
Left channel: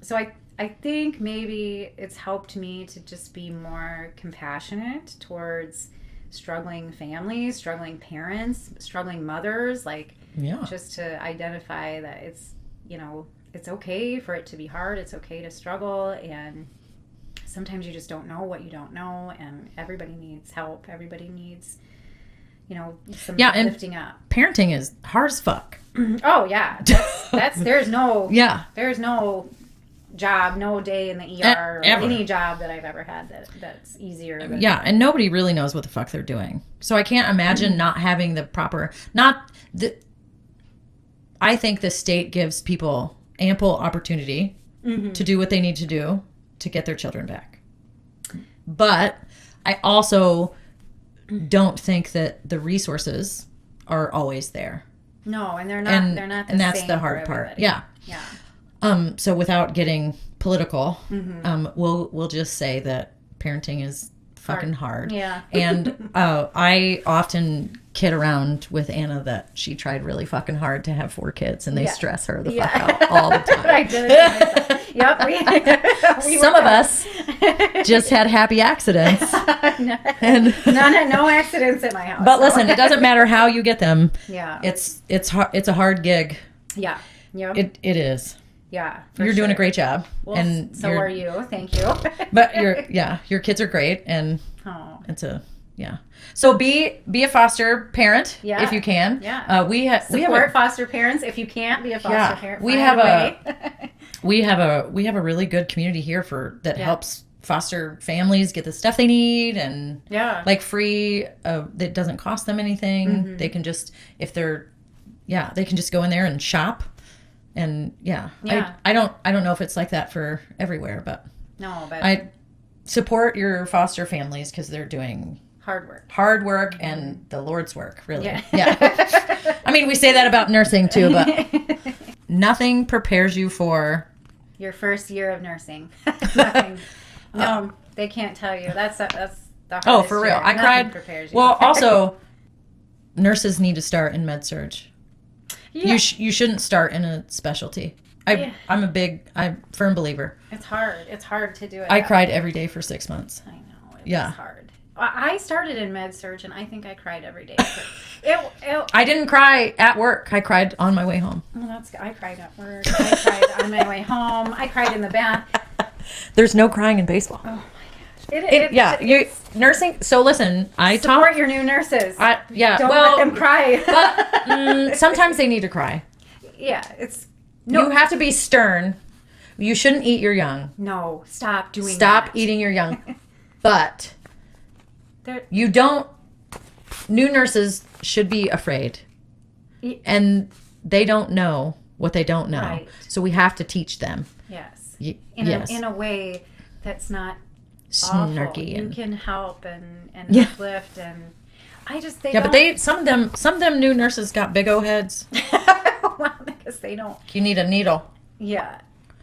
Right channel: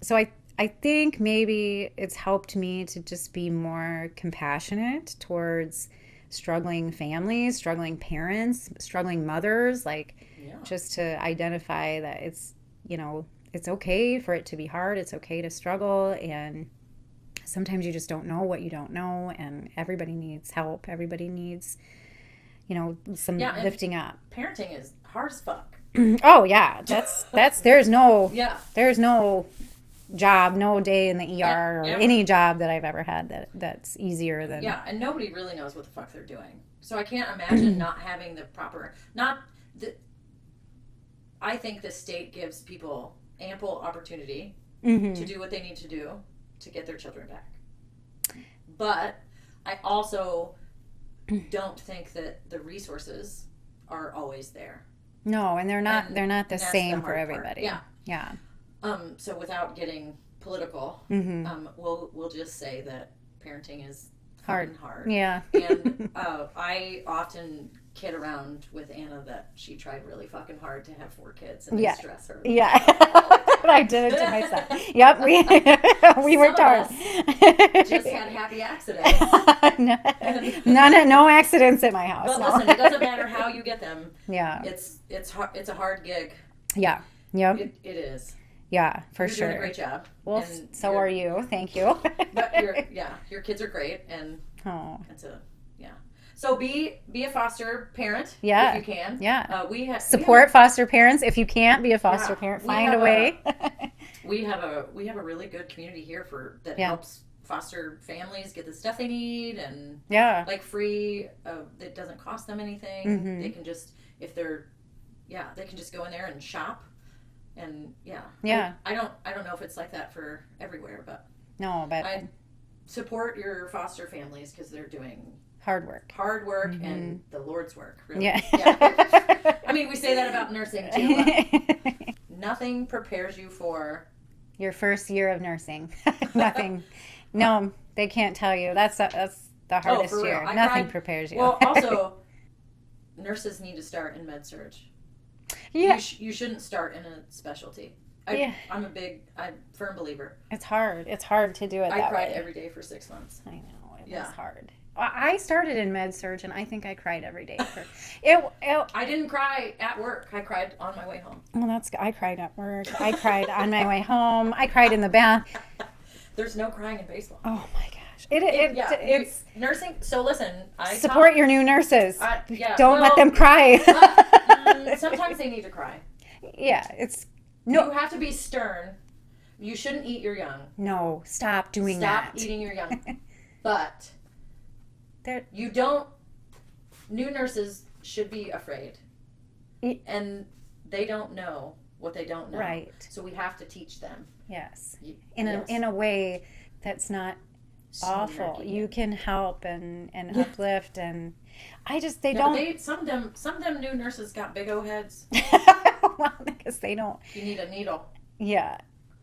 so I think maybe it's helped me to just be more compassionate towards struggling families, struggling parents, struggling mothers, just to identify that it's okay for it to be hard, it's okay to struggle, and sometimes you just don't know what you don't know, and everybody needs help, everybody needs some lifting up. Parenting is hard as fuck. Oh yeah, that's there's no job, no day in the ER or any job that I've ever had that's easier than and nobody really knows what the fuck they're doing. So I can't imagine not having the proper I think the state gives people ample opportunity to do what they need to do to get their children back. But I also don't think that the resources are always there. No, and they're not the and that's same the hard for part. everybody. Yeah. So without getting political, we'll just say that parenting is fucking hard. Yeah. And I often kid around with Anna that she tried really fucking hard to have 4 kids, and they stress her the fuck out all the time. I did it to myself. Yep. We Some of us just had happy accidents. No accidents at my house. But listen, it doesn't matter how you get them. Yeah. It's a hard gig. Yeah. Yep. It is. Yeah. You're doing a great job. Well, and so are you. Thank you. But your kids are great, and So be a foster parent if you can. Yeah. We support foster parents if you can't be a foster parent. We have a really good community here that helps foster families get the stuff they need and Yeah. like free. That doesn't cost them anything. Mm-hmm. They can just they can just go in there and shop. And Yeah. I don't know if it's like that for everywhere, but No, but I support your foster families because they're doing hard work. hard work and the Lord's work, really. Yeah. I mean, we say that about nursing too, but nothing prepares you for Your first year of nursing. Nothing. No, they can't tell you. That's the hardest for real. year. I Nothing cried. prepares you. Well, also, nurses need to start in med surg. yeah. You shouldn't start in a specialty. I'm a firm believer. It's hard. It's hard to do it. I that cried way. every day for 6 months. I know. It Yeah. was hard. I started in med surg, and I think I cried every day. I didn't cry at work. I cried on my way home. Well, I cried at work. I cried on my way home. I cried in the bath. There's no crying in baseball. Oh my gosh! Nursing. So listen, I Support your new nurses. Don't well, let them cry. sometimes they need to cry. Yeah, it's You have to be stern. You shouldn't eat your young. no. Stop doing. Stop that. eating your young. But They're- you don't. New nurses should be afraid, and they don't know what they don't know. Right. So we have to teach them. Yes. Yes. In a way that's not awful. Snarky. You can help and Yeah. uplift and I just they Yeah, don't. but some of them new nurses got big old heads. well, because they don't. You need a needle. Yeah.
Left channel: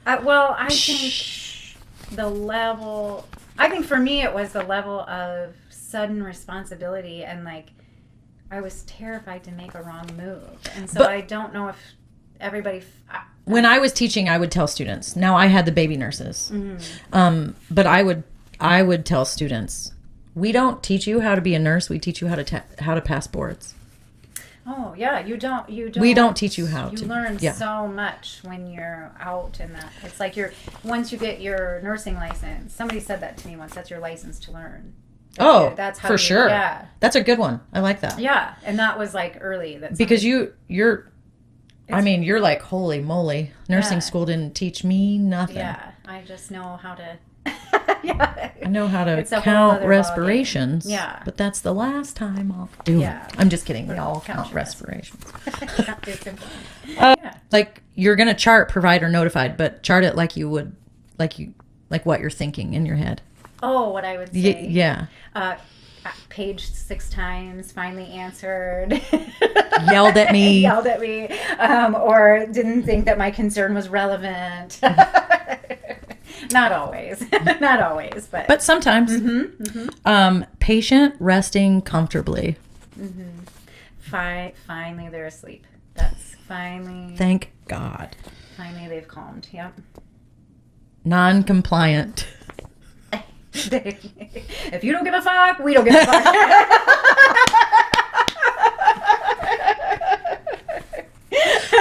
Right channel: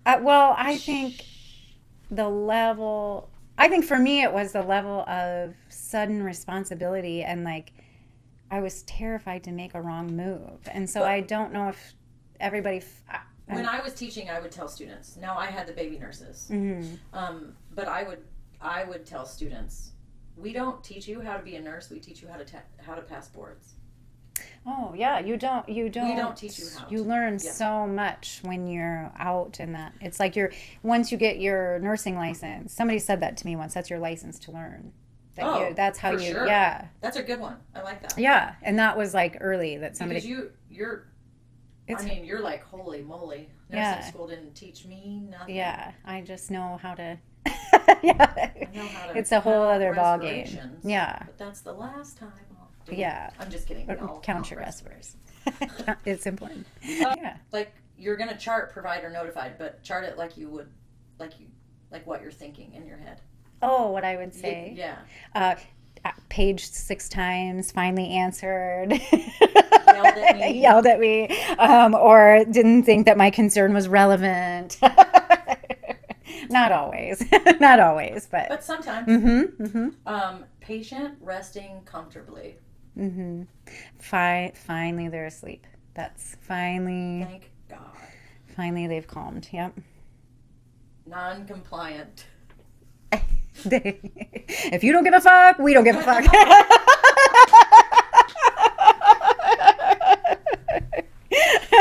Well, I think the level. I think for me it was the level of sudden responsibility and like I was terrified to make a wrong move, and so But- I don't know if everybody. When I was teaching, I would tell students. Now I had the baby nurses, but I would tell students, we don't teach you how to be a nurse. We teach you how to pass boards. Oh yeah, you don't. We don't teach you how You to. learn Yeah. so much when you're out in that. It's like once you get your nursing license. Somebody said that to me once. That's your license to learn. That's how for sure. Yeah, That's a good one. I like that. yeah, and that was like early. That Because somebody- you're. I mean, you're like, holy moly! Nursing Yeah. school didn't teach me nothing. Yeah, I just know how to. I know how to It's a whole count other ballgame. respirations. Yeah. But that's the last time I'll do Yeah. it. I'm just kidding. We But all count count your respirations. It's important. Uh, Yeah. Like you're gonna chart provider notified, but chart it like you would, like what you're thinking in your head. Oh, what I would say. Yeah. Paged 6 times, finally answered. Yelled at me. Yelled at me. Or didn't think that my concern was relevant. Not always. Not always, but. But sometimes. Patient resting comfortably. Finally they're asleep. That's finally. Thank God. Finally they've calmed. Yep. Non-compliant. If you don't give a fuck, we don't give a fuck.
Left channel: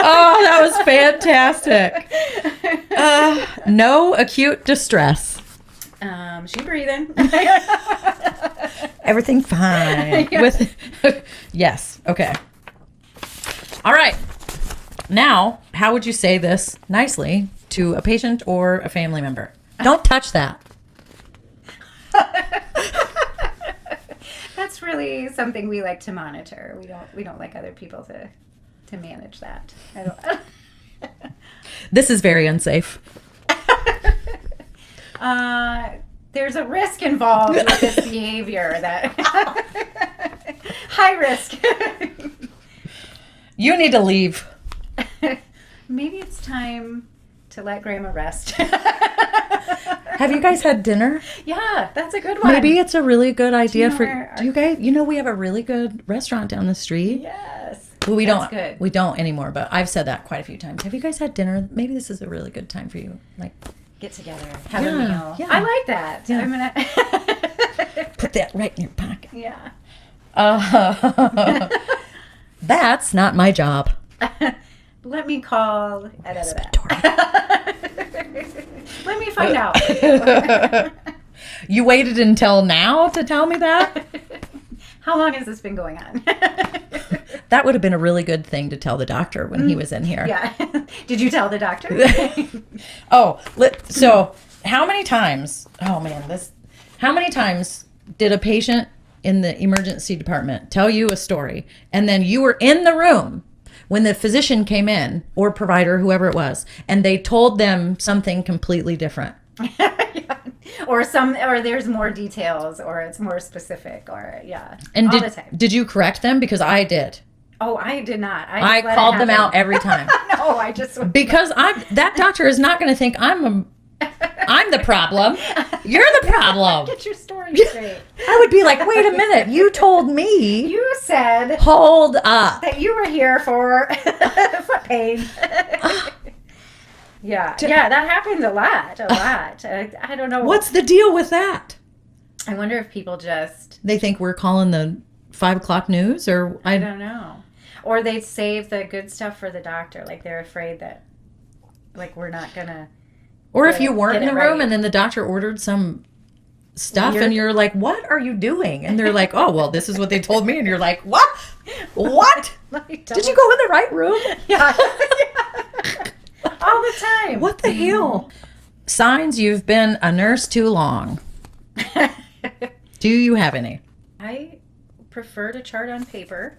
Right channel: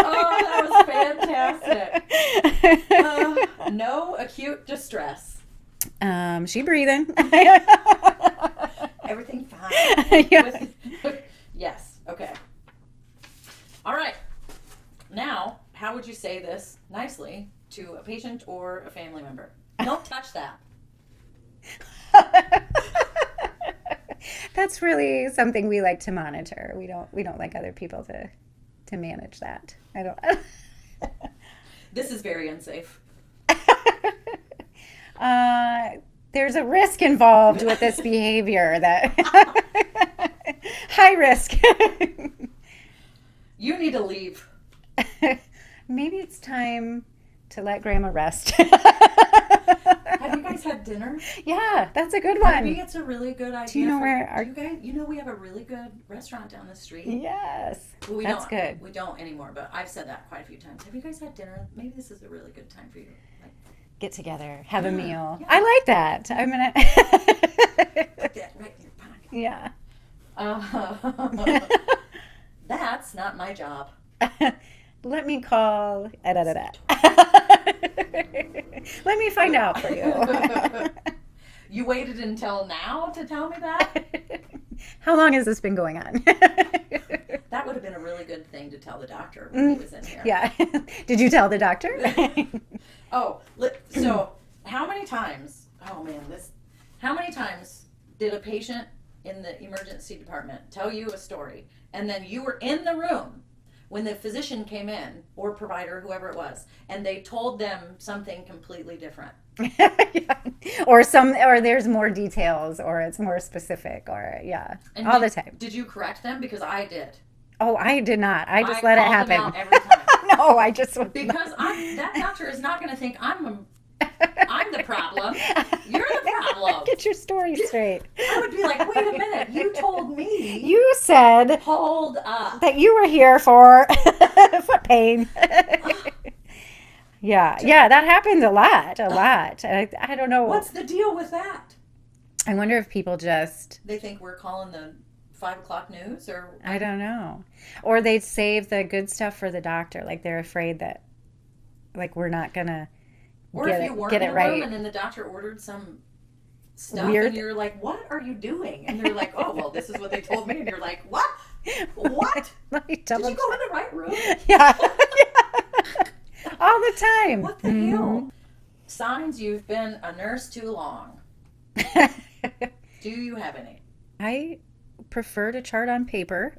Oh, that was fantastic. No acute distress. She breathing. Everything fine. Yeah. With yes. Okay. All right. Now, how would you say this nicely to a patient or a family member? Don't touch that. That's really something we like to monitor. We don't like other people to manage that. I don't. This is very unsafe. There's a risk involved with this behavior that high risk. You need to leave. Maybe it's time to let Grandma rest. Have you guys had dinner? Yeah, that's a good one. Maybe it's a really good idea know for where do you guys. You know, we have a really good restaurant down the street. Yes. Well, we That's don't. good. We don't anymore. But I've said that quite a few times. Have you guys had dinner? Maybe this is a really good time for you. Like, Get together, have a Yeah, meal. yeah. I like that. Yeah. I mean, put that right in your pocket. yeah. That's not my job. Let me call. Victoria. Let me find out for you. You waited until now to tell me that? How long has this been going on? That would have been a really good thing to tell the doctor when he was in here. Yeah. Did you tell the doctor? Oh, so how many times? Oh man, how many times did a patient in the emergency department tell you a story, and then you were in the room when the physician came in, or provider, whoever it was, and they told them something completely different? Or there's more details, or it's more specific, or And all the time. Did you correct them? Because I did. Oh, I did not. I I just let called it them out every time. No, I just Because that doctor is not going to think I'm the problem. You're the problem. Get your story straight. I would be like, wait a minute, you told me. You said Hold up. that you were here for foot pain. Yeah, that happens a lot. I don't know. What's the deal with that? I wonder if people just... They think we're calling the 5 o'clock news, or I don't know. Or they save the good stuff for the doctor. Like they're afraid that, like, we're not gonna... Or if you weren't in the room and then the doctor ordered some stuff and you're like, what are you doing? And they're like, oh, well, this is what they told me. And you're like, what? What? Did you go in the right room? Yeah. All the time. What the hell? Signs you've been a nurse too long. Do you have any? I prefer to chart on paper.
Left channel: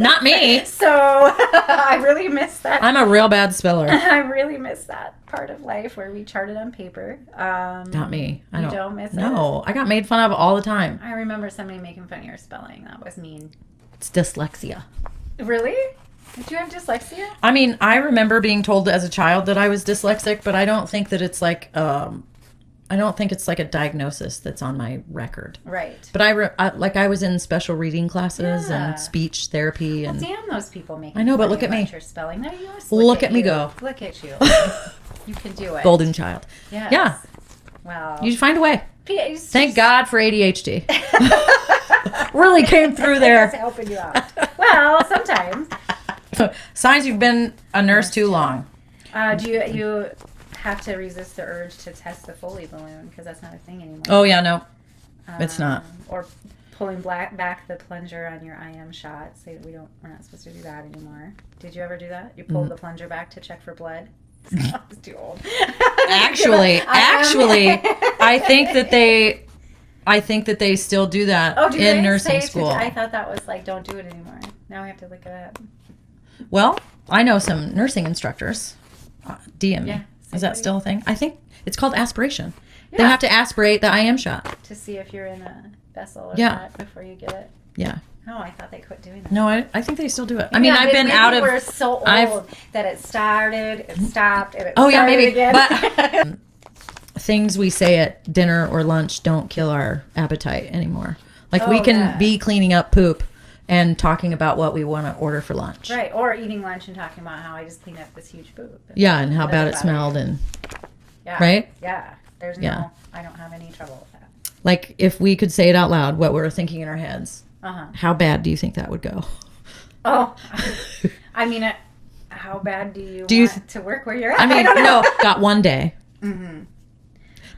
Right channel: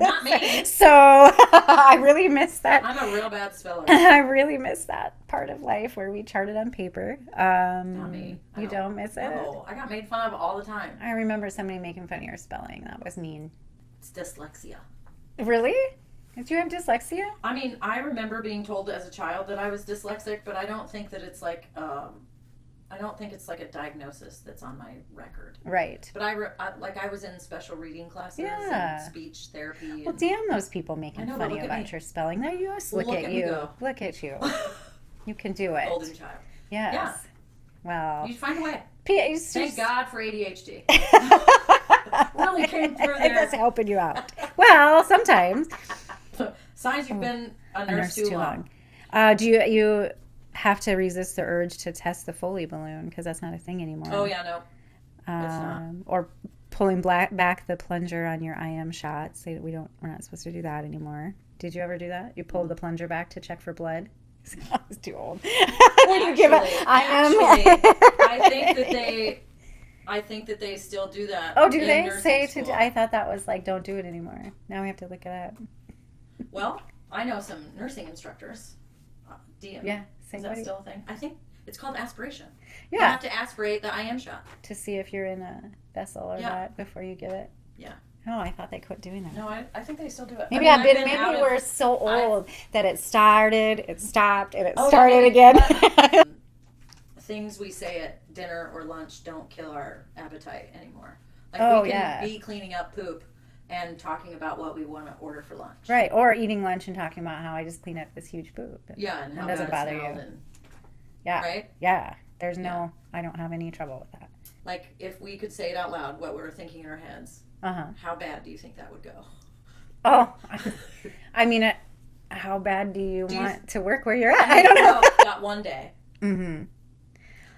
Not me. So I really miss that. I'm a real bad speller. I really miss that part of life where we charted on paper. Not me. I don't miss it? No, I got made fun of all the time. I remember somebody making fun of your spelling. That was mean. It's dyslexia. Really? Did you have dyslexia? I mean, I remember being told as a child that I was dyslexic, but I don't think that it's like I don't think it's like a diagnosis that's on my record. Right. But I was in special reading classes and speech therapy. And damn those people making I know, but fun look of at you me. about your spelling. No, you just Look at me go. Look at you. You can do it. Golden child. Yes. Yeah. Wow. You find a way. It's Thank just- God for ADHD. Really came through there. That's helping you out. Well, sometimes. Signs you've been a nurse too long. Do you have to resist the urge to test the Foley balloon because that's not a thing anymore? Oh yeah, no, it's not. Or pulling back the plunger on your IM shot. Say that we're not supposed to do that anymore. Did you ever do that? You pulled the plunger back to check for blood. I was too old. Actually, I think that they still do that Oh, do in they nursing say school. I thought that was like, don't do it anymore. Now we have to look it up. Well, I know some nursing instructors. DM. Yeah, Is that still a thing? I think it's called aspiration. Yeah. They have to aspirate the IM shot. To see if you're in a vessel or Yeah. not before you get it. Yeah. Oh, I thought they quit doing that. No, I think they still do it. I Yeah, mean, I've but been maybe out of. We're so old that it started, it stopped, and it Oh yeah, started maybe. again. But things we say at dinner or lunch don't kill our appetite anymore. Like we Oh, can yeah. be cleaning up poop and talking about what we want to order for lunch. Right, or eating lunch and talking about how I just cleaned up this huge poop. Yeah, and how It bad doesn't it bother smelled you. and Yeah. right? Yeah. There's Yeah. no, I don't have any trouble with that. Like if we could say it out loud, what we're thinking in our heads. Uh-huh. How bad do you think that would go? Oh, I mean, how bad do you you want to work where you're at? I mean, don't know. no, got one day Mm-hmm.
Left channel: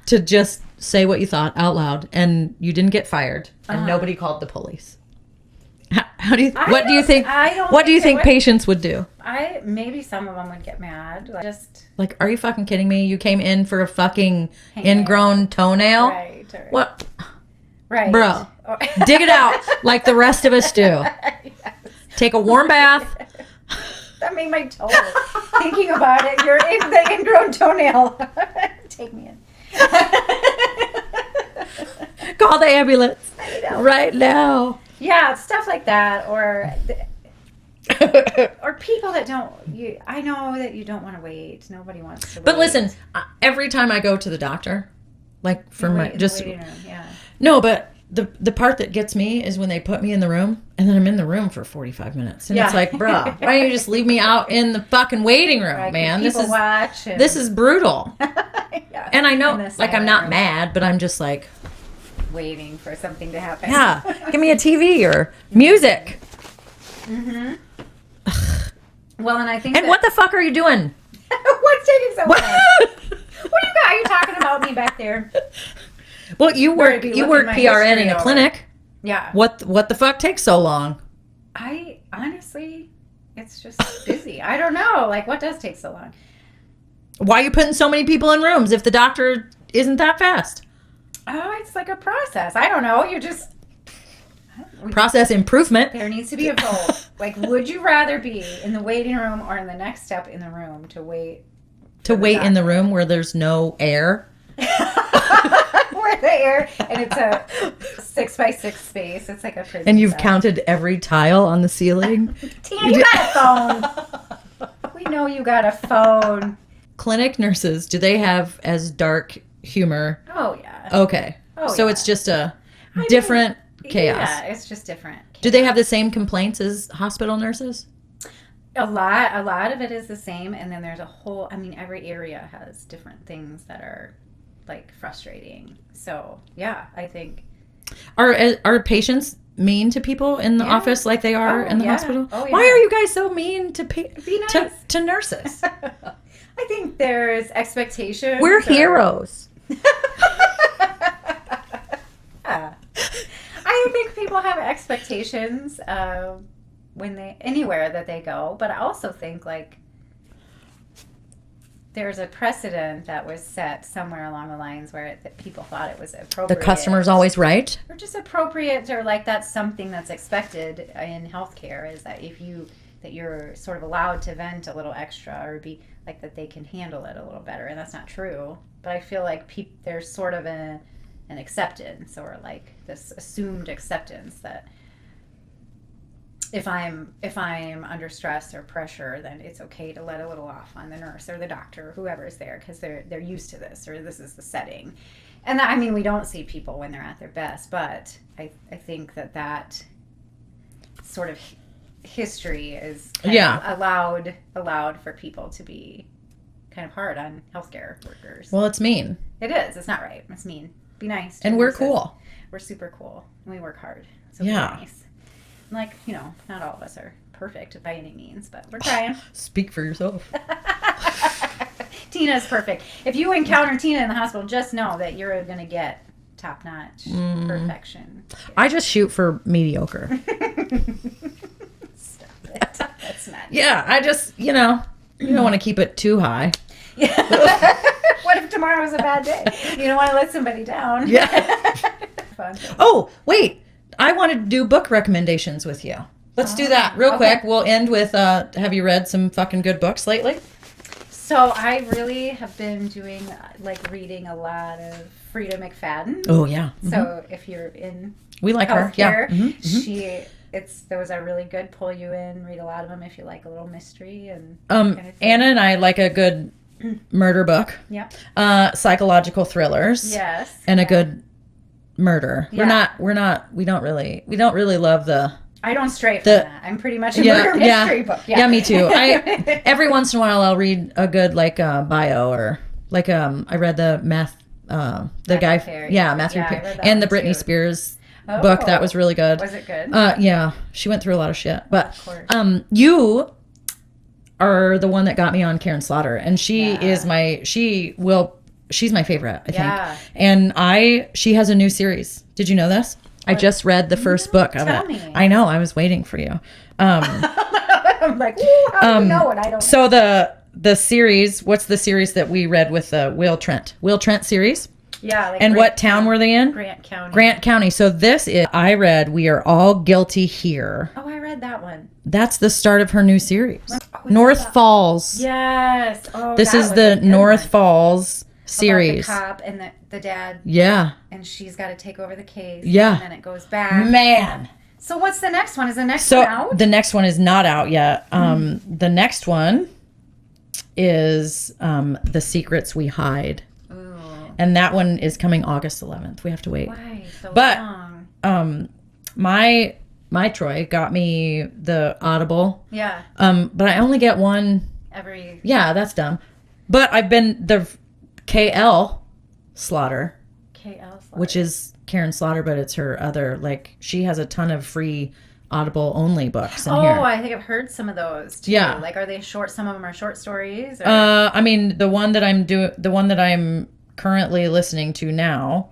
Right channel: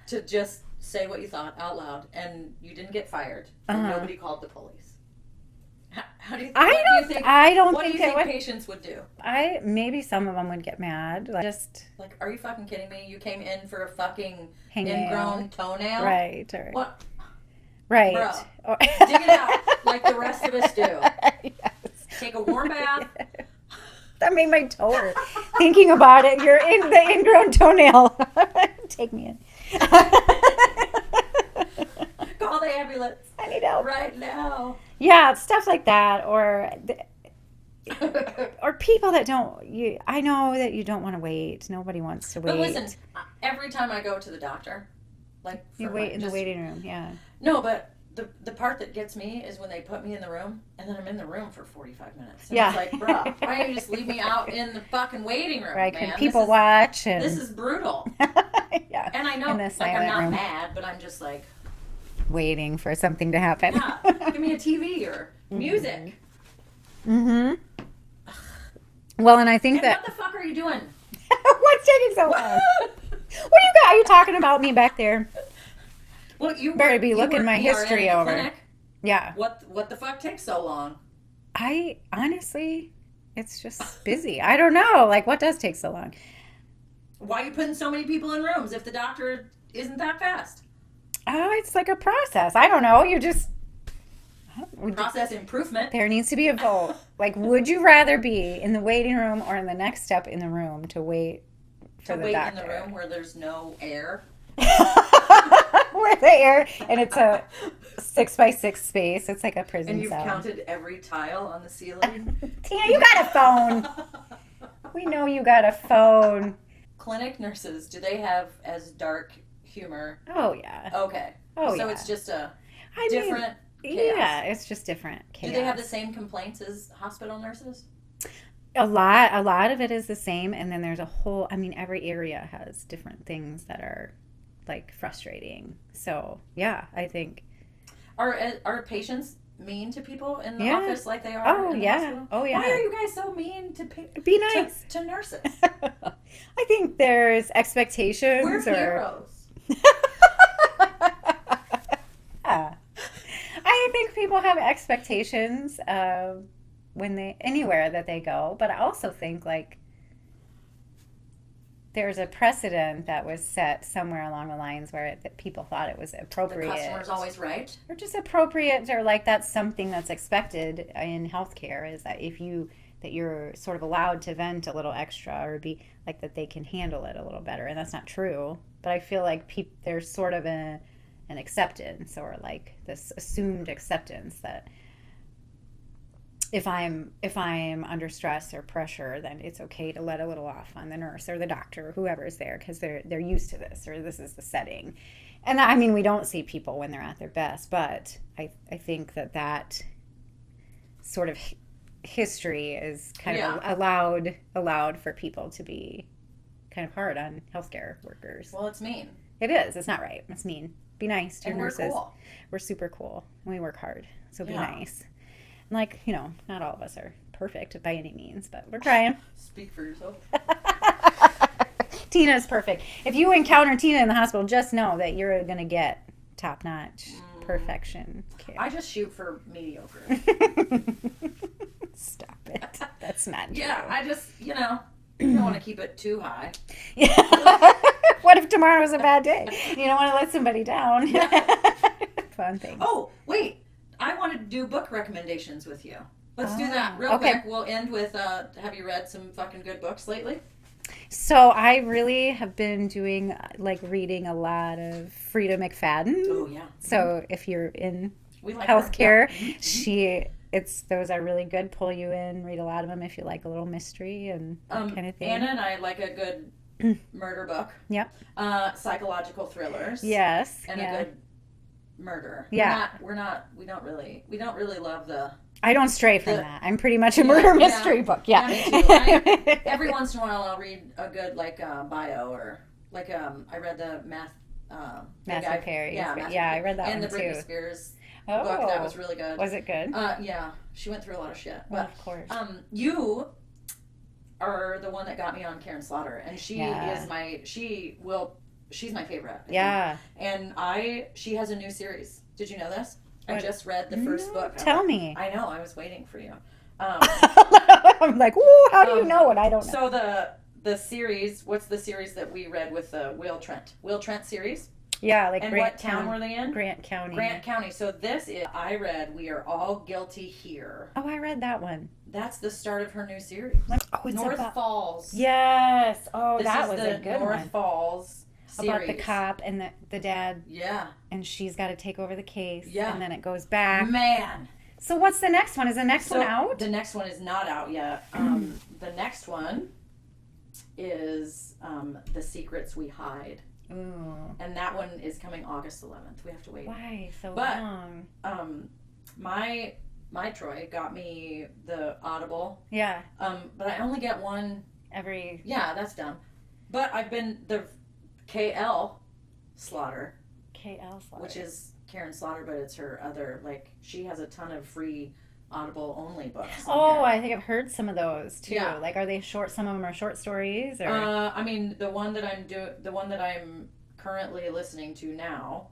to just say what you thought out loud, and you didn't get fired, and Uh-huh. nobody called the police. How do you? I What do you don't- think? I don't What do you think they think would. patients would do? Maybe some of them would get mad. Like, just Like, are you fucking kidding me? You came in for a fucking Hangnail. ingrown toenail? right. Or, What? Right. Bro, Or- dig it out like the rest of us do. Yes. Take a warm bath. That made my toe hurt. Thinking about it, you're in the ingrown toenail. Take me in. Call the ambulance I know. right now. Yeah, stuff like that, or people that don't. I know that you don't want to wait. Nobody wants to wait. But listen, every time I go to the doctor, like for my in the just waiting room, yeah. no, but the part that gets me is when they put me in the room and then I'm in the room for 45 minutes and it's Yeah. like, bro, why don't you just leave me out in the fucking waiting room, Right, man? This people is watch. And, this is brutal. yeah. And I know, In the like, I'm silent not room. mad, but I'm just like, Waiting for something to happen. yeah, give me a TV or music. Mm-hmm. Well, and I think And that, what the fuck are you doing? what's taking so long? What? What do you got? Are you talking about me back there? Well, you Better work be you looking work my PRN history in a over. clinic. Yeah. What the fuck takes so long? I honestly, it's just busy. I don't know. Like, what does take so long? Why are you putting so many people in rooms if the doctor isn't that fast? Oh, it's like a process. I don't know. You just Process improvement. there needs to be a vote. Like, would you rather be in the waiting room or in the next step in the room to wait? To wait in the room where there's no air. Where the air and it's a 6x6 space. It's like a prison. And you've cell. counted every tile on the ceiling. Tina, you got a phone. We know you got a phone. Clinic nurses, do they have as dark humor? Oh yeah. Okay. Oh, so yeah. it's just a I different mean, chaos. Yeah, it's just different. Chaos. Do they have the same complaints as hospital nurses? A lot of it is the same, and then there's a whole. I mean, every area has different things that are like frustrating. So yeah, I think Are patients mean to people in the Yeah. office like they are in the yeah. hospital? Oh, yeah. Why are you guys so mean to Be nice. to nurses? I think there's expectations. We're heroes. Yeah. I think people have expectations when they anywhere that they go, but I also think like there's a precedent that was set somewhere along the lines where people thought it was The appropriate. customer's always right. Or just appropriate, or like that's something that's expected in healthcare is that that you're sort of allowed to vent a little extra or be like that they can handle it a little better, and that's not true. But I feel like there's sort of an acceptance or like this assumed acceptance that if I'm under stress or pressure, then it's okay to let a little off on the nurse or the doctor or whoever is there because they're used to this or this is the setting. And I mean, we don't see people when they're at their best, but I think that sort of history is kind of allowed for people to be kind of hard on healthcare workers. Well, it's mean. It is. It's not right. It's mean. Be nice. And we're cool. We're super cool. We work hard. So Yeah. be nice. Like, not all of us are perfect by any means, but we're trying. Speak for yourself. Tina is perfect. If you encounter Tina in the hospital, just know that you're going to get top-notch perfection. I just shoot for mediocre. Stop it. That's not Yeah, I just, you don't want to keep it too high. What if tomorrow was a bad day? You don't want to let somebody down. Yeah. Fun. Oh, wait. I wanted to do book recommendations with you. Let's do that real quick. We'll end with, have you read some fucking good books lately? So I really have been doing, reading a lot of Frida McFadden. Oh, yeah. Mm-hmm. So if you're in We like her. healthcare, Yeah. Mm-hmm. those are really good. Pull you in, read a lot of them if you like a little mystery and Anna and I like a good murder book. Yeah. Psychological thrillers. Yes. And a good murder. Yeah. We don't really love the... I don't stray from that. I'm pretty much a murder mystery book. Yeah, me too. Every once in a while I'll read a good bio or I read the Matthew Perry. I read that and the one Britney too. Spears book. That was really good. Was it good? Yeah, she went through a lot of shit. But Of course. you are the one that got me on Karen Slaughter, and she's my favorite, I think. Yeah. And she has a new series. Did you know this? I just read the first book of Tell it. me. I know. I was waiting for you. I'm like, ooh, how do you know it? I don't. So the series. What's the series that we read with Will Trent? Will Trent series. Yeah. And what town were they in? Grant County. Grant County. So I read We Are All Guilty Here. Oh, I read that one. That's the start of her new series. Oh, North Falls. Yes. Oh, This that is was the a good North one. Falls series. About the cop and the dad, Yeah. and she's got to take over the case. Yeah. And then it goes back. Man. So what's the next one? Is the next So one out? the next one is not out yet. The next one is The Secrets We Hide. Ooh. And that one is coming August 11th. We have to wait. Why so But long? My Troy got me the Audible. Yeah. But I only get one. Every. Yeah, that's dumb. But I've been the KL Slaughter, KL Slaughter. which is Karen Slaughter, but it's her other, she has a ton of free Audible only books in here. I think I've heard some of those too. Yeah. Are they short? Some of them are short stories. Or? I mean, the one that I'm currently listening to now,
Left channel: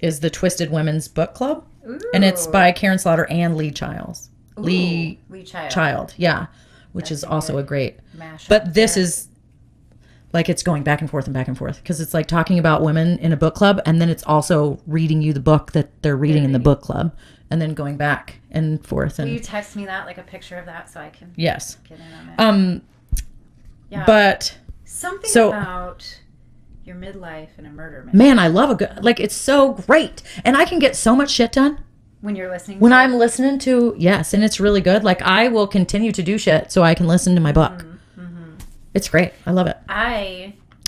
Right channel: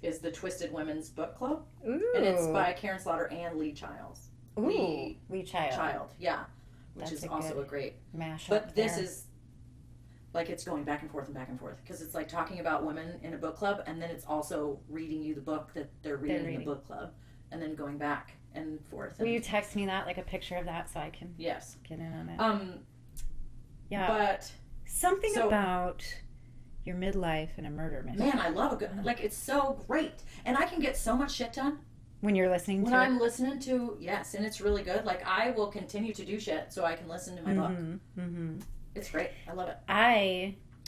is the Twisted Women's Book Club. Ooh. And it's by Karen Slaughter and Lee Childs. Ooh, Lee Child. Child, yeah. which That's is a also a good great. mashup But this there. is like it's going back and forth and back and forth because it's like talking about women in a book club, and then it's also reading you the book that they're reading in the book club, and then going back and forth. And Will you text me that, like a picture of that, so I can yes, get in on it? Yeah. but Something so- about your midlife and a murder mystery. man, I love a good like it's so great, and I can get so much shit done When you're listening when to I'm it. listening to and it's really good. Like I will continue to do shit so I can listen to my book. It's great. I love it.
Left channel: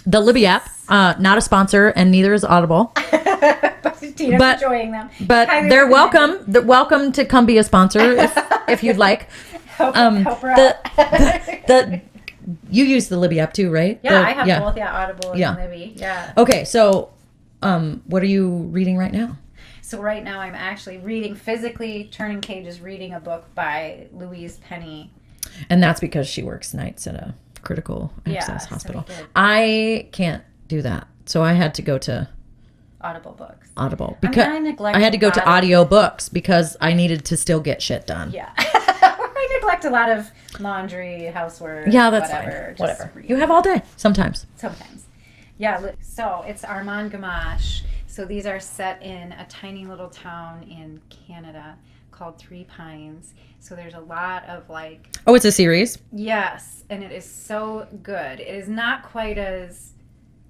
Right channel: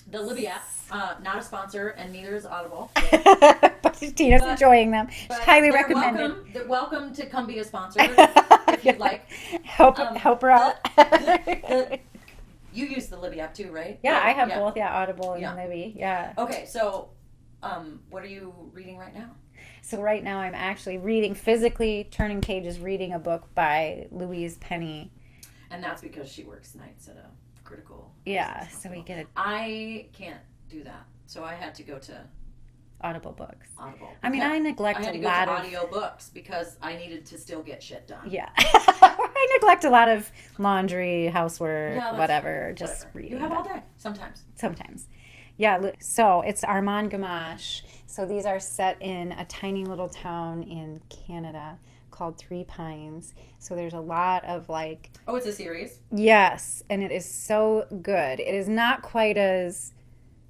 The Libby app, not a sponsor, and neither is Audible. But Tina's But- enjoying them. But Highly they're recommended. welcome. They're welcome to come be a sponsor if you'd like. Help her out. You use the Libby app too, right? Yeah, I have both. Yeah, Audible and Yeah. Libby. Yeah. Okay, so what are you reading right now? So right now I'm actually physically turning pages, reading a book by Louise Penny. And that's because she works nights at a critical access so hospital. we get- I can't do that, so I had to go to Audible books. Audible I mean, because I neglect I had to a go to lot of- audio books because I needed to still get shit done. Yeah. I neglect a lot of laundry, housework, Yeah, that's whatever. fine. Just Whatever. read. You have all day sometimes. Sometimes. Yeah, so it's Armand Gamache. So these are set in a tiny little town in Canada called Three Pines. So there's a lot of like, Oh, it's a series. yes, and it is so good. It is not quite as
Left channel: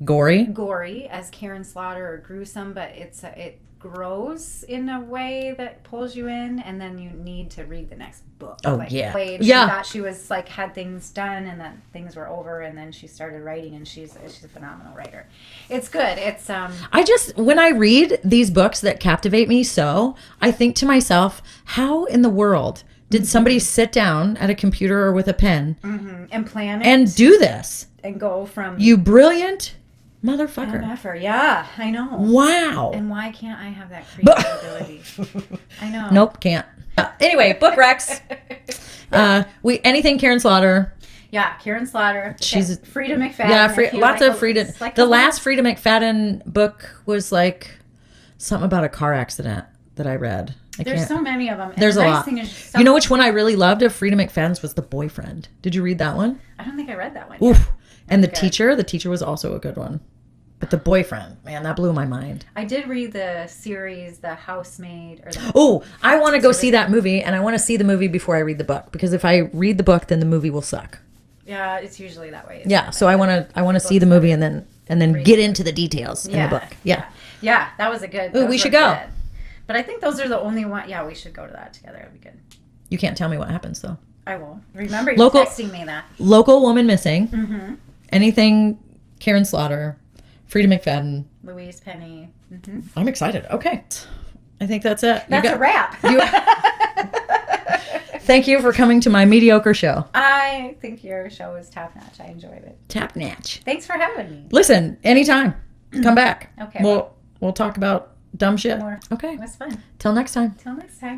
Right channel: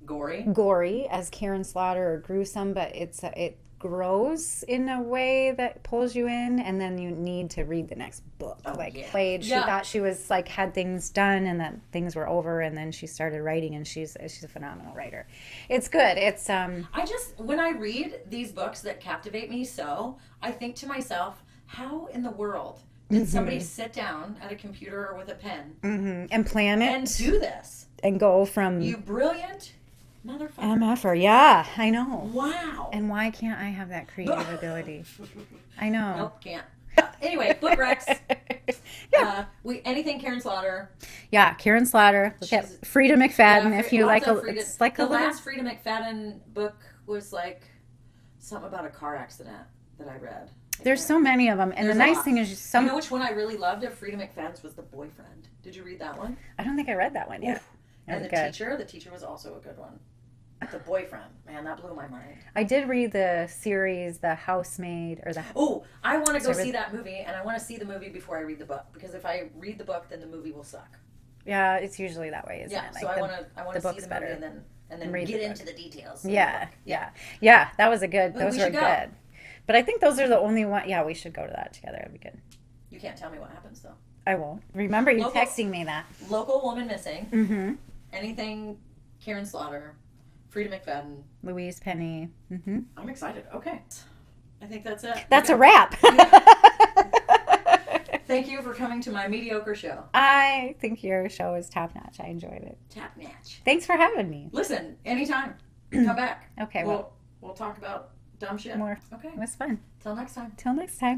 Gory. gory as Karen Slaughter or gruesome, but it grows in a way that pulls you in, and then you need to read the next book. Oh, like, yeah. She Yeah. thought she was like had things done and that things were over, and then she started writing, and she's a phenomenal writer. It's good. It's I just, when I read these books that captivate me so, I think to myself, how in the world did somebody sit down at a computer or with a pen and plan it and do this? and go from You brilliant motherfucker. MFer. Yeah, I know. Wow. And why can't I have that creative ability? I know. Nope, can't. Anyway, book recs. Anything Karen Slaughter. Yeah, Karen Slaughter. She's- Frida McFadden. Yeah, if you lots like of Frida. it's like The a last Frida McFadden book was like something about a car accident that I read. There's so many of them. And There's the a nice lot. thing is so, You know which one I really loved of Frida McFadden's was The Boyfriend. Did you read that one? I don't think I read that one. Oof. And That's The Teacher was also a good one. But The Boyfriend, man, that blew my mind. I did read the series, The Housemaid, or the. Oh, I want to go see that movie, and I want to see the movie before I read the book, because if I read the book, then the movie will suck. Yeah, it's usually that way. Yeah, so I want to see the movie and then read get the into the details in Yeah, the book. Yeah. Yeah, that was a good. Ooh, those we were should go. good. But I think those are the only one. Yeah, we should go to that together. That'd be good. You can't tell me what happens though. I will. Remember you Local- texting me that. Local woman missing. Anything Karen Slaughter, Frida McFadden. Louise Penny. I'm excited. Okay. I think that's it. That's a wrap. Thank you for coming to my mediocre show. I think your show is top notch. I enjoyed it. Tap Natch. Thanks for having me. Listen, anytime. Come back. Okay. We'll talk about dumb shit. More. Okay. It was fun. Till next time. Till next time.